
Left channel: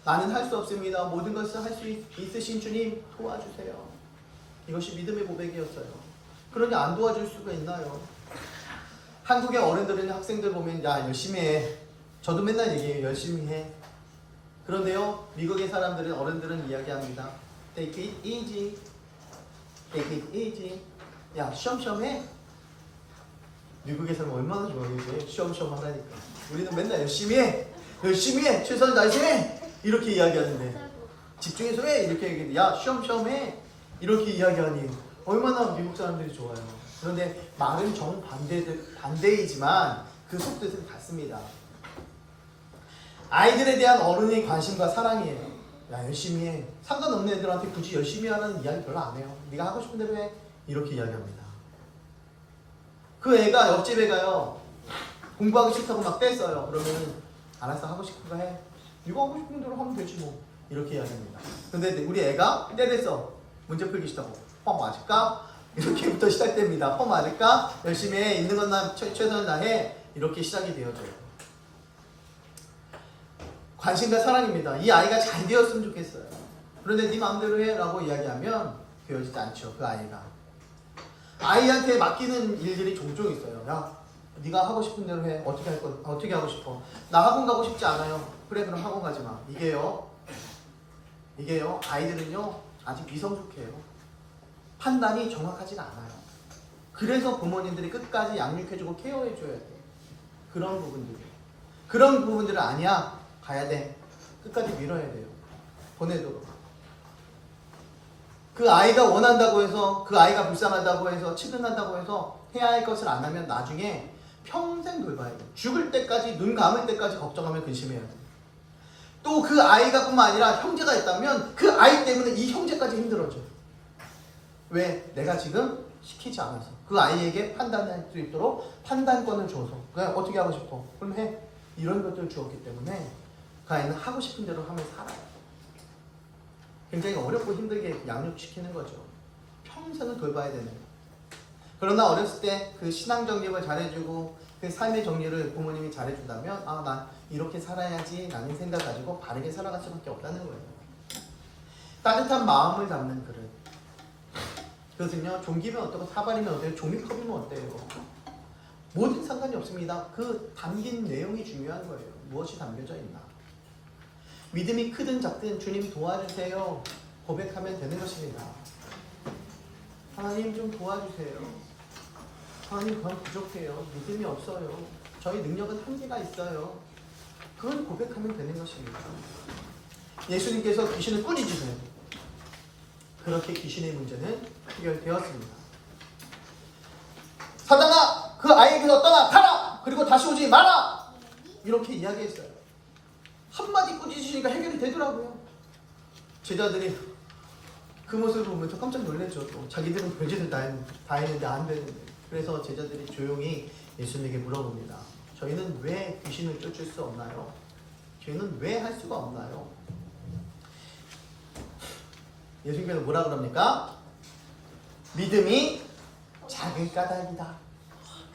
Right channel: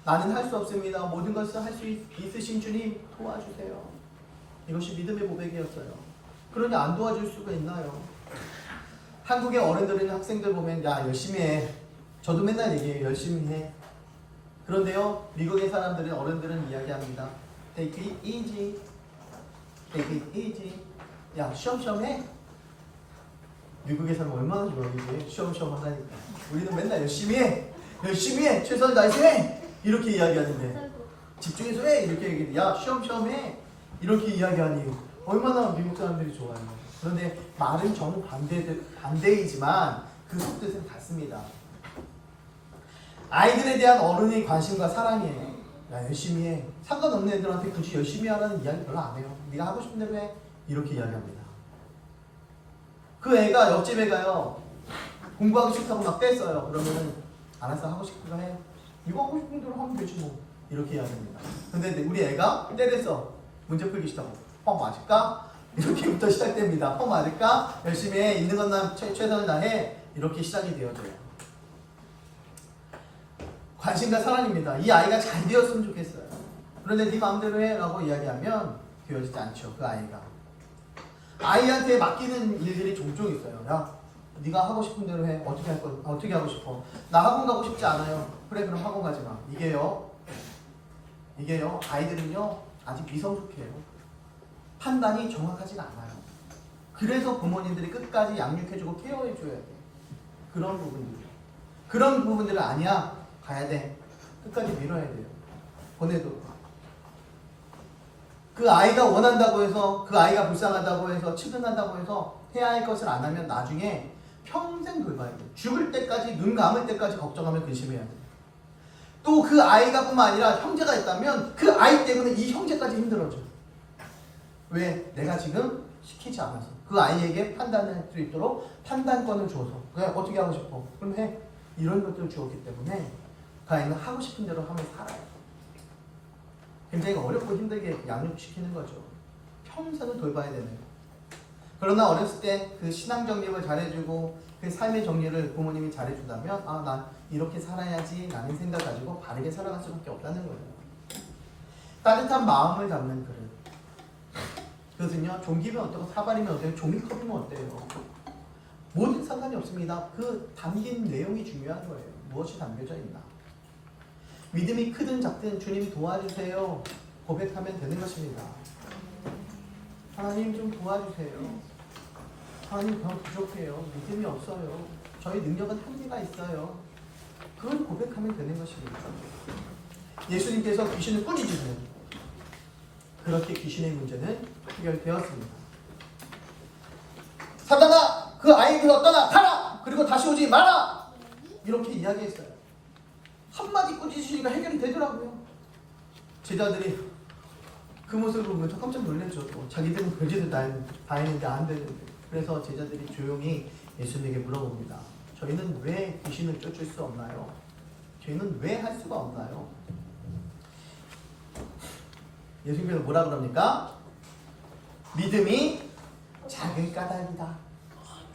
나는 할 수 없습니다. 모든 것을 할 수 있으신 주님 도와주세요. 이것이 믿음의 고백이었어요. 그러니 안 도와줄 수가 있나요? 한국의 어른들이나 학생들 보면 야 열심히 해. 저도 맨날 얘기해요. 열심히 해. 그런데요 미국의 사람들은 어른들은 이야기합니다. Take it easy. Take it easy. 야 쉬엄쉬엄 해. 미국의 사람 얼마나 좋아하겠어요. 쉬엄쉬엄 하다니까. 우리는 맨날 열심히 해. 열심히 해. 최선을 다해서 해. 이렇게 이야기하는데 집중해서 해. 이렇게 얘기해. 야 쉬엄쉬엄 해. 이렇게 이야기하니 얼마나 미국 사람들이 좋아요. 그런데 말은 정반대이지만 그 속뜻은 같습니다. 아이들에 대한 어른의 관심과 사랑이에요. 야 열심히 해. 상관없는 애들한테 굳이 열심히 하라는 이야기 별로 안 해요. 네가 하고 싶은 대로 해. 이렇게 이야기합니다. 그 애가 옆집 애가요 공부하기 싫다고 막 떼써요. 그러면 알았어 하고 싶은 거 해. 이거 하고 싶은 대로 하면 되지 뭐. 이렇게 이야기합니다. 근데 우리 애가 떼댔어. 문제 풀기 싫다고. 맞을까? 이렇게부터 시작됩니다. 맞을까? 열심히 해. 있는 것만 최선을 다해. 이렇게 시작이 되어져요. 관심과 사랑입니다. 이 아이가 잘 되었으면 좋겠어요. 그런데 네 마음대로 해 라고 이야기하면 되어지지 않죠. 그 아이가. 아이한테 맡기는 일들이 종종 있어요. 야 네가 하고 싶은 대로 해. 어떻게 하고 싶어? 나 학원 가고 싶지 않아요. 그래 그럼 학원 가지 마. 이게요 아이들은요 아직 미성숙해요. 판단이 정확하진 않아요. 그래서 부모님들이 끝까지 양육해주고 케어해줘야 돼요. 그런 부분들은 아니야 가야 돼. 끝까지 밀어야 돼요. 보내도록. 그 아이가 원한다고 해서 그 아이가 불쌍하다고 해서 치근한다고 해서 해야 할 것을 안 하면 나중에 평생 돌봐야 돼요. 죽을 때까지 눈 감을 때까지 걱정하며 근심해야 돼요. 또 그 아이가 뿐만 아니라 형제가 있다면 그 아이 때문에 이 형제까지 힘들어져. 왜? 내가 지금 시키지 않아서. 그 아이에게 판단할 수 있도록 판단권을 줘서. 그래 어떻게 하고 싶어? 그럼 해. 이런 것들을 주었기 때문에 그 아이는 하고 싶은 대로 하면 살아요. 굉장히 어렵고 힘들게 양육시키는 거죠. 평생을 돌봐야 되는 거예요. 그러나 어렸을 때 그 신앙 정립을 잘해주고 그 삶의 정리를 부모님이 잘해준다면 아, 난 이렇게 살아야지 라는 생각 가지고 바르게 살아갈 수밖에 없다는 거예요. 따뜻한 마음을 잡는 그릇. 그것은요 종기면 어때요? 사발이면 어때요? 종이컵이면 어때요? 뭐든 상관이 없습니다. 그 담긴 내용이 중요한 거예요. 무엇이 담겨져 있나. 믿음이 크든 작든 주님 도와주세요. 고백하면 되는 것입니다. 하나님 좀 도와주세요. 하나님 그건 부족해요. 믿음이 없어요. 저희 능력은 한계가 있어요. 그걸 고백하면 되는 것입니다. 예수님께서 귀신을 꾸짖으세요. 그렇게 귀신의 문제는 해결되었습니다. 사단아 그 아이에게서 떠나 가라. 그리고 다시 오지 마라. 이렇게 이야기했어요. 한마디 꾸짖으시니까 해결이 되더라고요. 제자들이 그 모습을 보면서 깜짝 놀랐죠. 또 자기들은 별짓을 다 했는데 안 되는데. 그래서 제자들이 조용히 예수님에게 물어봅니다. 저희는 왜 귀신을 쫓을 수 없나요? 저희는 왜 할 수가 없나요? 예수님께서 뭐라 그럽니까? 믿음이 작은 까닭이다.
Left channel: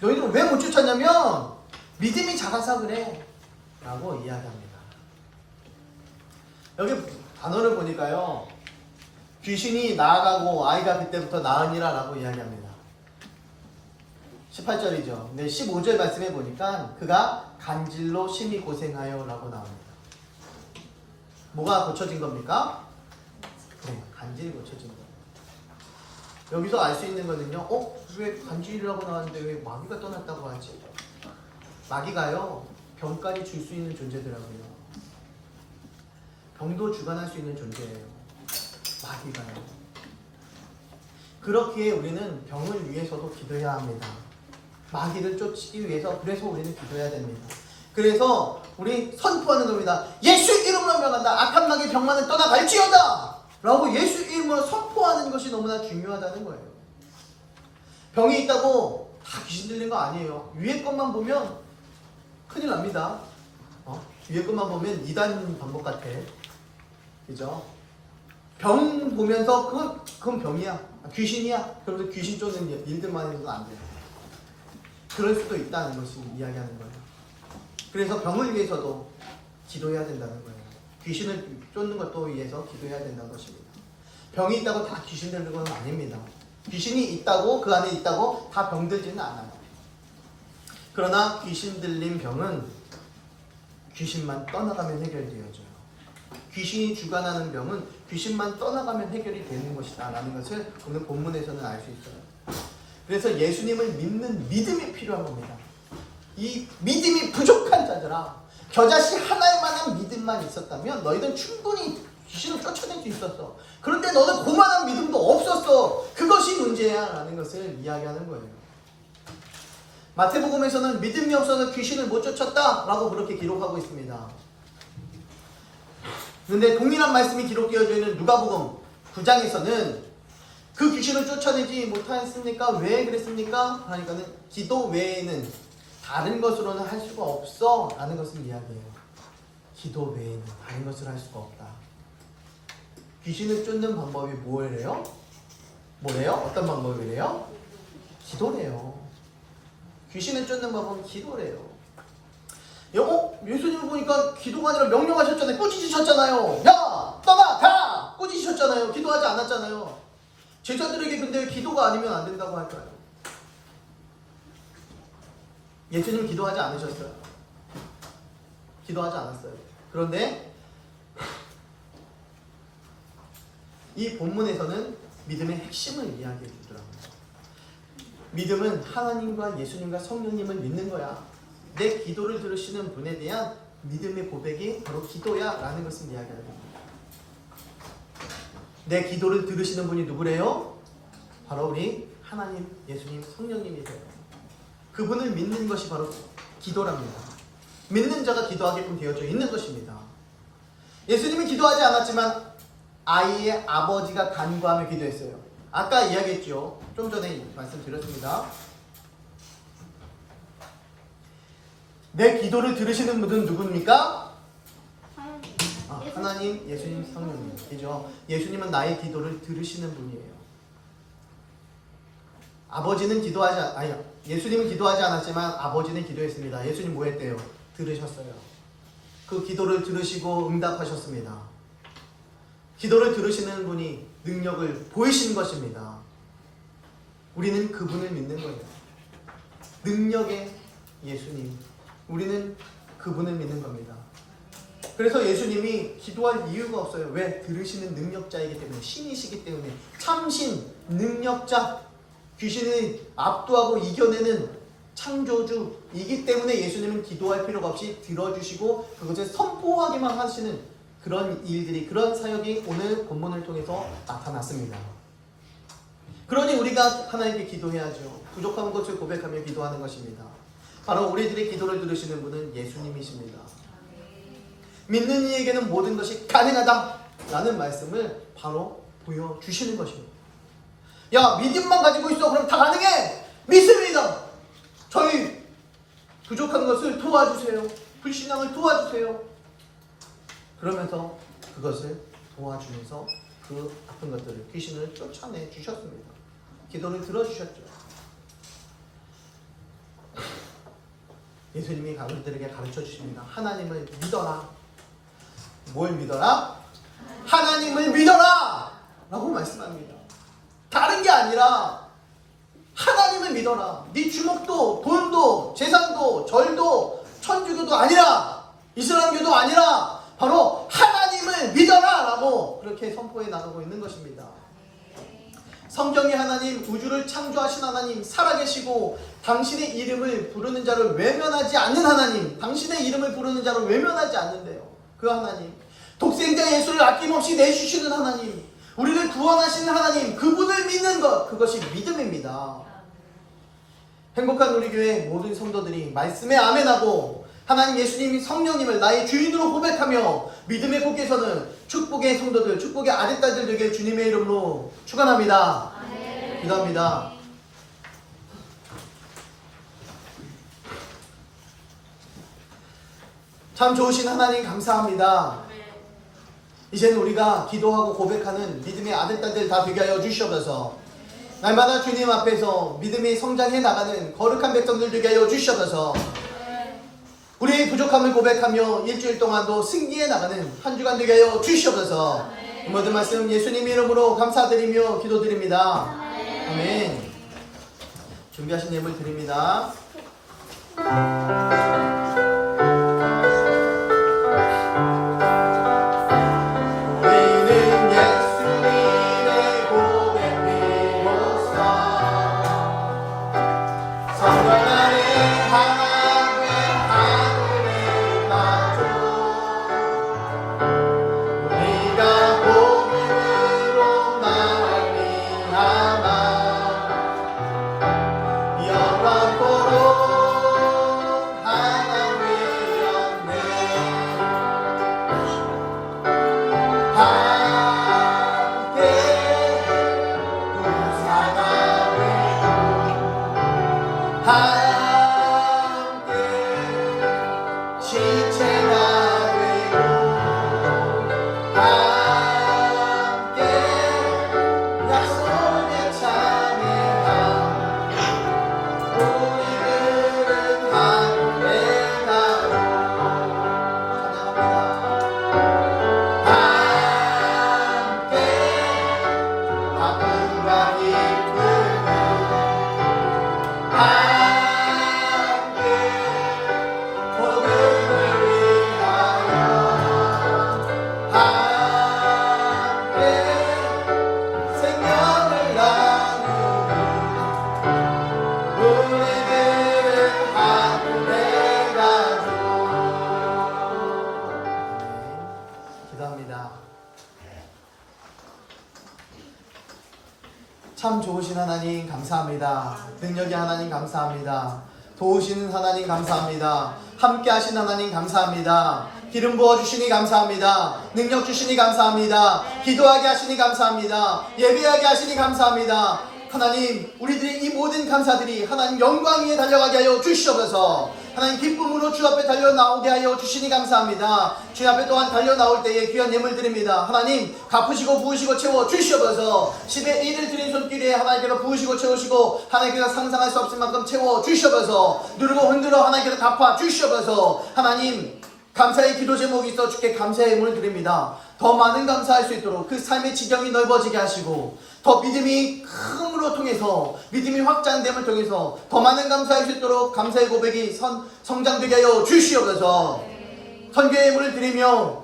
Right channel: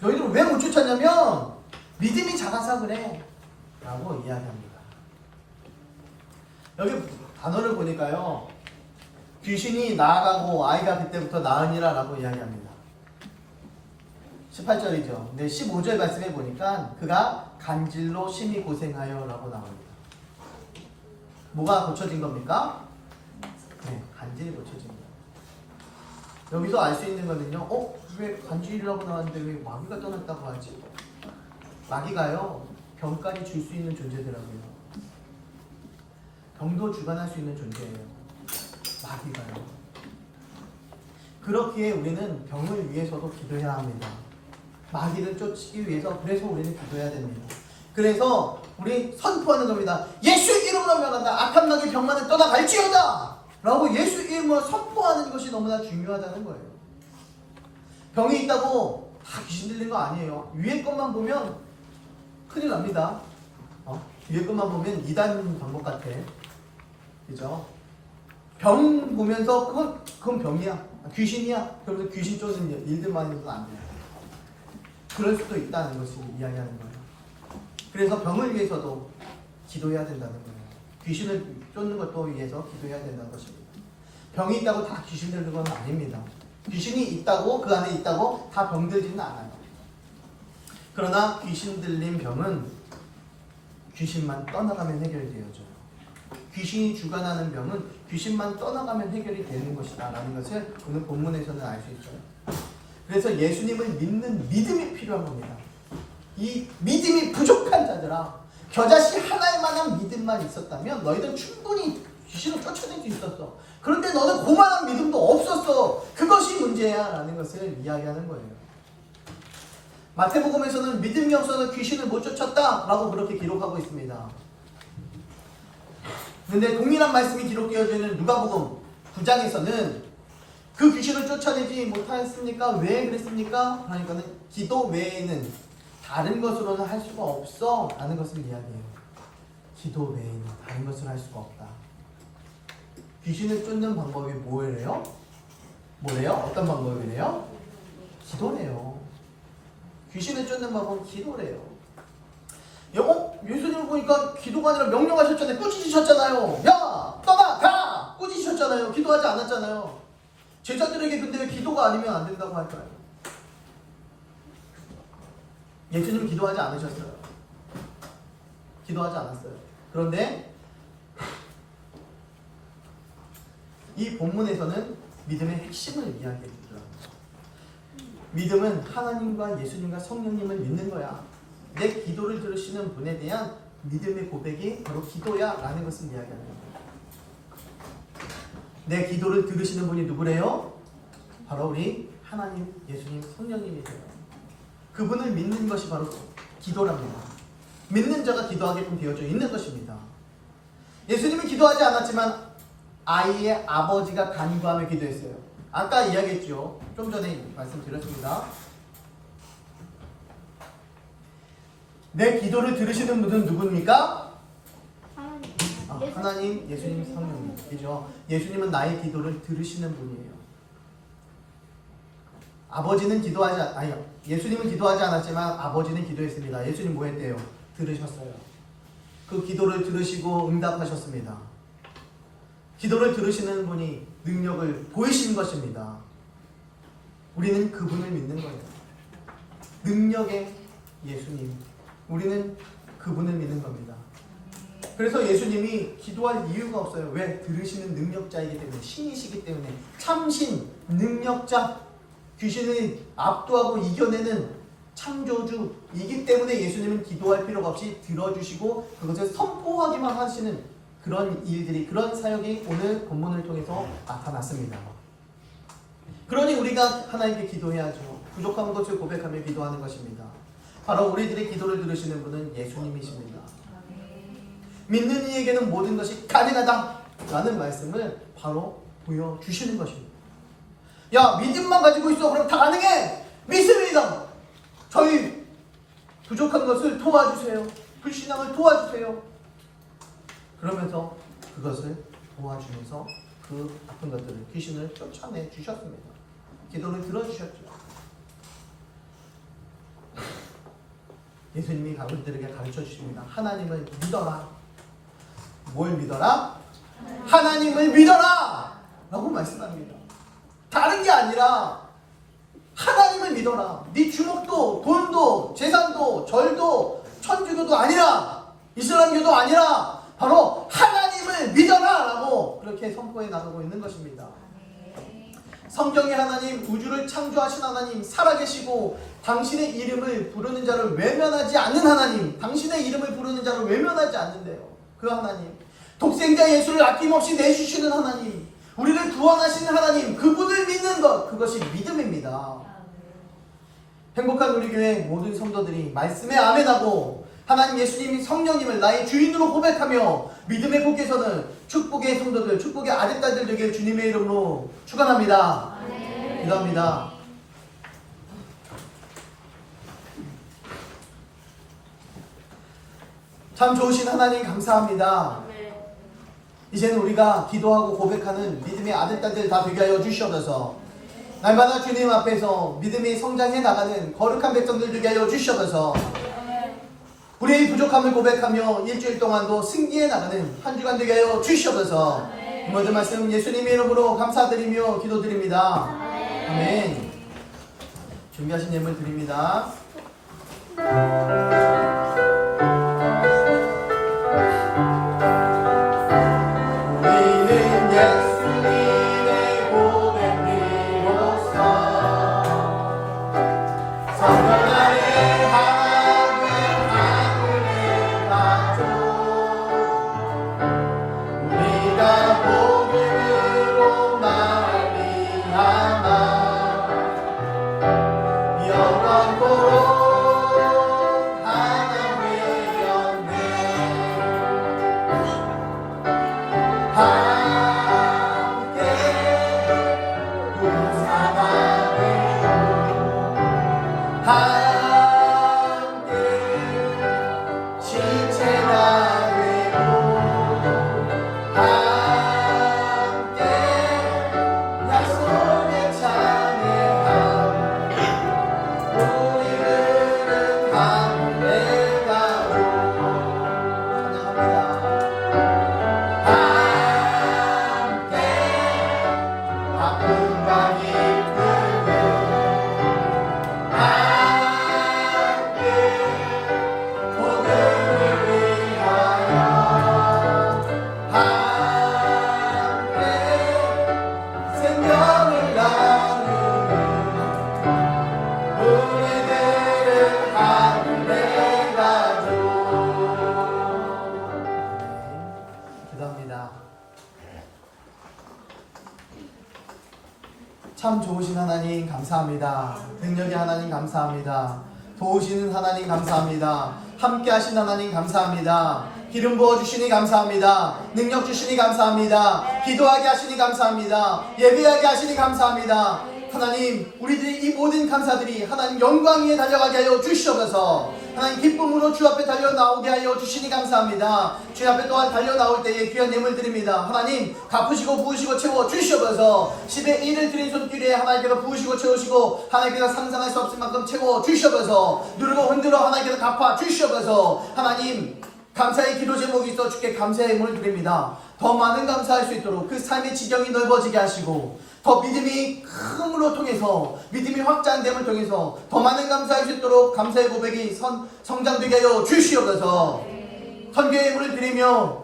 너희들은 왜 못 쫓았냐면 믿음이 작아서 그래 라고 이야기합니다. 여기 단어를 보니까요 귀신이 나아가고 아이가 그때부터 나으니라 라고 이야기합니다. 18절이죠. 근데 15절 말씀해 보니까 그가 간질로 심히 고생하여 라고 나옵니다. 뭐가 고쳐진 겁니까? 네, 간질이 고쳐진 거예요. 여기서 알 수 있는 거는요. 왜 간질이라고 나왔는데 왜 마귀가 떠났다고 하지? 마귀가요. 병까지 줄 수 있는 존재더라고요. 병도 주관할 수 있는 존재예요. 마귀가요. 그렇기에 우리는 병을 위해서도 기도해야 합니다. 마귀를 쫓기 위해서 그래서 우리는 기도해야 됩니다. 그래서 우리 선포하는 겁니다. 예수 이름으로 명한다. 악한 마귀 병만을 떠나갈지어다. 라고 예수 이름으로 선포하는 것이 너무나 중요하다는 거예요. 병이 있다고 다 귀신 들린 거 아니에요. 위에 것만 보면 큰일 납니다. 위에 것만 보면 이단 방법 같아. 그죠? 병 보면서 그건 병이야. 귀신이야. 그러면서 귀신 쫓는 일들만 해서는 안 돼요. 그럴 수도 있다는 것을 이야기하는 거예요. 그래서 병을 위해서도 기도해야 된다는 거예요. 귀신을 쫓는 것도 위해서 기도해야 된다는 것입니다. 병이 있다고 다 귀신 들는 건 아닙니다. 귀신이 있다고, 그 안에 있다고 다 병들지는 않아요. 그러나 귀신 들린 병은 귀신만 떠나가면 해결되어져요. 귀신이 주관하는 병은 귀신만 떠나가면 해결이 되는 것이다 라는 것을 오늘 본문에서는 알 수 있어요. 그래서 예수님을 믿는 믿음이 필요한 겁니다. 이 믿음이 부족한 자들아, 겨자씨 하나만한 믿음만 있었다면 너희는 충분히 귀신을 쫓아낼 수 있었어. 그런데 너는 그만한 믿음도 없었어. 그것이 문제야 라는 것을 이야기하는 거예요. 마태복음에서는 믿음이 없어서 귀신을 못 쫓았다 라고 그렇게 기록하고 있습니다. 그런데 동일한 말씀이 기록되어져 있는 누가복음 9장에서는 그 귀신을 쫓아내지 못하였습니까? 왜 그랬습니까? 그러니까는 기도 외에는 다른 것으로는 할 수가 없어 라는 것을 이야기해요. 기도 외에는 다른 것을 할 수가 없다. 귀신을 쫓는 방법이 뭐래요? 어떤 방법이래요? 기도래요. 귀신을 쫓는 방법은 기도래요. 예수님을 보니까 기도가 아니라 명령하셨잖아요. 꾸짖으셨잖아요. 야! 떠나! 가! 꾸짖으셨잖아요. 기도하지 않았잖아요. 제자들에게 근데 기도가 아니면 안 된다고 할까요? 예수님 기도하지 않으셨어요. 기도하지 않았어요. 그런데 이 본문에서는 믿음의 핵심을 이야기해 주더라고요. 믿음은 하나님과 예수님과 성령님을 믿는 거야. 내 기도를 들으시는 분에 대한 믿음의 고백이 바로 기도야 라는 것을 이야기하는 겁니다. 내 기도를 들으시는 분이 누구래요? 바로 우리 하나님, 예수님, 성령님이세요. 그분을 믿는 것이 바로 기도랍니다. 믿는 자가 기도하게끔 되어져 있는 것입니다. 예수님은 기도하지 않았지만 아이의 아버지가 간구하며 기도했어요. 아까 이야기했죠. 좀 전에 말씀드렸습니다. 내 기도를 들으시는 분은 누굽니까? 하나님, 예수님, 성령님이죠. 예수님은 나의 기도를 들으시는 분이에요. 예수님은 기도하지 않았지만 아버지는 기도했습니다. 예수님 뭐 했대요? 들으셨어요. 그 기도를 들으시고 응답하셨습니다. 기도를 들으시는 분이 능력을 보이신 것입니다. 우리는 그분을 믿는 거예요. 능력의 예수님. 우리는 그분을 믿는 겁니다. 그래서 예수님이 기도할 이유가 없어요. 왜? 들으시는 능력자이기 때문에, 신이시기 때문에, 참신, 능력자, 귀신을 압도하고 이겨내는 창조주이기 때문에 예수님은 기도할 필요가 없이 들어주시고 그것을 선포하기만 하시는 그런 일들이, 그런 사역이 오늘 본문을 통해서 나타났습니다. 그러니 우리가 하나님께 기도해야죠. 부족한 것을 고백하며 기도하는 것입니다. 바로 우리들의 기도를 들으시는 분은 예수님이십니다. 믿는 이에게는 모든 것이 가능하다 라는 말씀을 바로 보여주시는 것입니다. 야, 믿음만 가지고 있어. 그럼 다 가능해. 믿습니다. 저희 부족한 것을 도와주세요. 불신앙을 도와주세요. 그러면서 그것을 도와주면서 그 아픈 것들을, 귀신을 쫓아내 주셨습니다. 기도를 들어주셨죠. 예수님이 우리들에게 가르쳐 주십니다. 하나님을 믿어라. 뭘 믿어라? 하나님을 믿어라! 라고 말씀합니다. 다른 게 아니라 하나님을 믿어라. 네 주먹도, 돈도, 재산도, 절도, 천주교도 아니라, 이슬람교도 아니라 바로 하나님을 믿어라! 라고 그렇게 선포해 나가고 있는 것입니다. 성경의 하나님, 우주를 창조하신 하나님, 살아계시고 당신의 이름을 부르는 자를 외면하지 않는 하나님, 당신의 이름을 부르는 자를 외면하지 않는데요. 그 하나님, 독생자 예수를 아낌없이 내주시는 하나님, 우리를 구원하시는 하나님, 그분을 믿는 것, 그것이 믿음입니다. 행복한 우리 교회 모든 성도들이 말씀에 아멘하고 하나님 예수님이 성령님을 나의 주인으로 고백하며 믿음의 복에서는 축복의 성도들, 축복의 아들딸들 되게 주님의 이름으로 축원합니다. 기도합니다. 참 좋으신 하나님 감사합니다. 이제는 우리가 기도하고 고백하는 믿음의 아들딸들 다 되게 하여 주시옵소서. 날마다 주님 앞에서 믿음이 성장해 나가는 거룩한 백성들 되게 하여 주시옵소서. 우리의 부족함을 고백하며 일주일 동안도 승리해 나가는 한 주간 되게 하여 주시옵소서. 이 모든 말씀 예수님 이름으로 감사드리며 기도드립니다. 아멘. 준비하신 예물 드립니다. 참 좋으신 하나님 감사합니다. 능력의 하나님 감사합니다. 도우시는 하나님 감사합니다. 함께 하신 하나님 감사합니다. 기름 부어주시니 감사합니다. 능력 주시니 감사합니다. 기도하게 하시니 감사합니다. 예비하게 하시니 감사합니다. 하나님, 우리들의 이 모든 감사들이 하나님 영광 위에 달려가게 하여 주시옵소서. 하나님 기쁨으로 주 앞에 달려 나오게 하여 주시니 감사합니다. 주 앞에 또한 달려 나올 때에 귀한 예물 드립니다. 하나님 갚으시고 부으시고 채워 주시옵소서. 10의 1을 드린 손길에 하나님께서 부으시고 채우시고 하나님께서 상상할 수 없을 만큼 채워 주시옵소서. 누르고 흔들어 하나님께서 갚아 주시옵소서. 하나님 감사의 기도 제목이 있어 주께 감사의 예물을 드립니다. 더 많은 감사할 수 있도록 그 삶의 지경이 넓어지게 하시고 더 믿음이 큼으로 통해서 믿음이 확장됨을 통해서 더 많은 감사할 수 있도록 감사의 고백이 성장되게 하여 주시옵소서. 선교의 예물을 드리며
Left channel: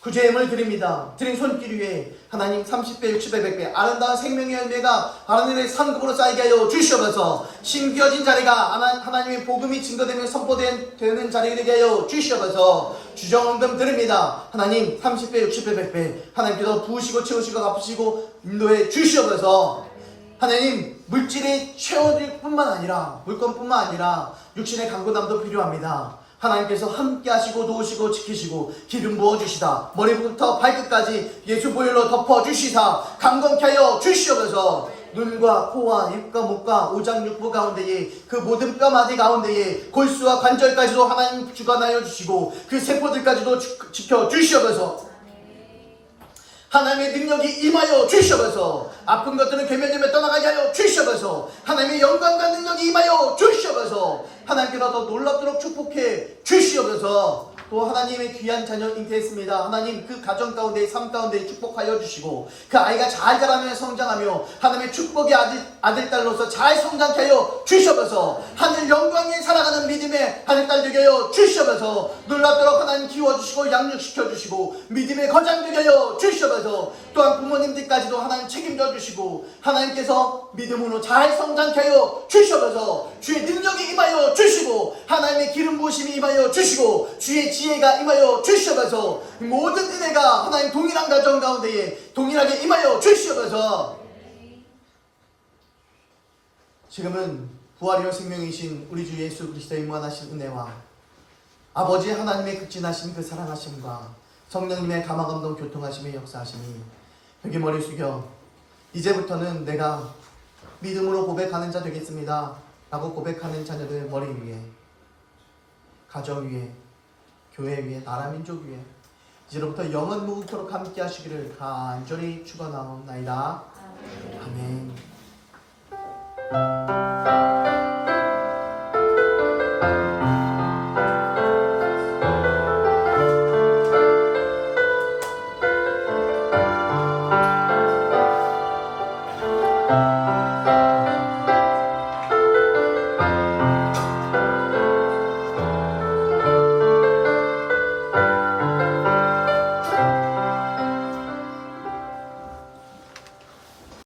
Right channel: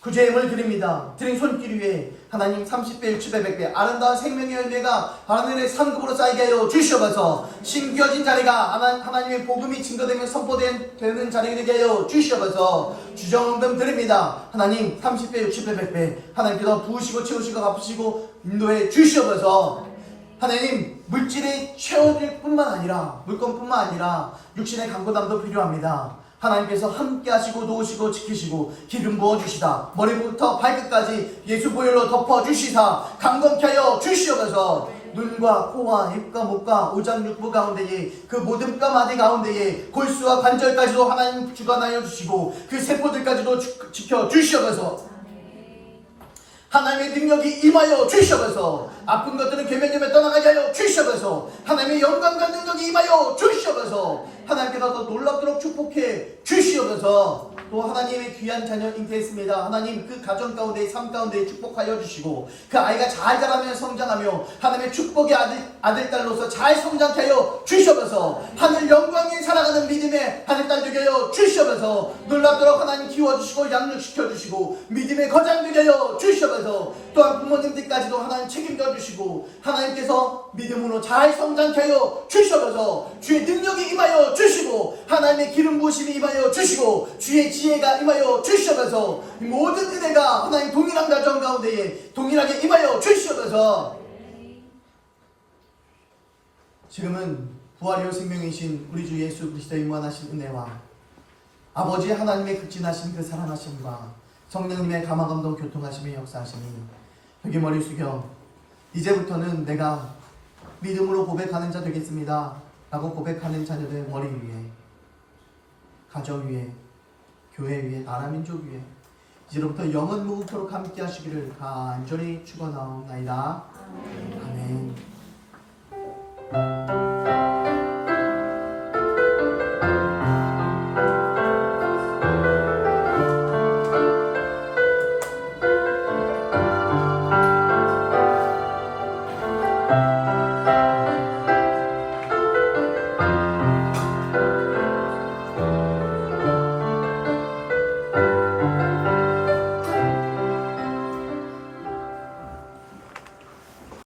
구제의 예물을 드립니다. 드린 손길 위에 하나님 30배, 60배, 100배 아름다운 생명의 열매가 하늘의 상급으로 쌓이게 하여 주시옵소서. 심겨진 자리가 하나님의 복음이 증거되며 선포되는 자리가 되게 하여 주시옵소서. 주정언금 드립니다. 하나님 30배, 60배, 100배 하나님께서 부으시고 채우시고 갚으시고 인도해 주시옵소서. 하나님 물질의 채워질 뿐만 아니라 물건뿐만 아니라 육신의 강건함도 필요합니다. 하나님께서 함께 하시고 도우시고 지키시고 기름 부어주시다 머리부터 발끝까지 예수 보혈로 덮어주시사 강건케 하여 주시옵소서. 눈과 코와 입과 목과 오장육부 가운데에 그 모든 뼈마디 가운데에 골수와 관절까지도 하나님 주관하여 주시고 그 세포들까지도 지켜 주시옵소서. 하나님의 능력이 임하여 주시옵소서. 아픈 것들은 괴멸되며 떠나가게 하여 주시옵소서. 하나님의 영광과 능력이 임하여 주시옵소서. 하나님께서 더 놀랍도록 축복해 주시옵소서. 또 하나님의 귀한 자녀 잉태했습니다. 하나님 그 가정 가운데 삶 가운데 축복하여 주시고 그 아이가 잘 자라며 성장하며 하나님의 축복의 아들딸로서 잘 성장케 하여 주시옵소서. 하늘 영광에 살아가는 믿음의 아들딸 되게 하여 주시옵소서. 놀랍도록 하나님 키워주시고 양육시켜주시고 믿음의 거장 되게 하여 주시옵소서. 또한 부모님들까지도 하나님 책임져 주시고 하나님께서 믿음으로 잘 성장케 하여 주시옵소서. 주의 능력이 임하여 주시고 하나님의 기름 부으심이 임하여 주시고 주의 지혜가 임하여 주시옵소서. 모든 은혜가 하나님 동일한 가정 가운데에 동일하게 임하여 주시옵소서. 지금은 부활이요 생명이신 우리 주 예수 그리스도의 무한하신 은혜와 아버지 하나님의 극진하신 그 사랑하심과 성령님의 감화감동 교통하심의 역사하심이 여기 머리 숙여 이제부터는 내가 믿음으로 고백하는 자 되겠습니다 라고 고백하는 자녀들 머리 위에, 가정 위에, 교회 위에, 나라 민족 위에 이제로부터 영원 무궁토록 함께 하시기를 간절히 축원하옵나이다. 아멘.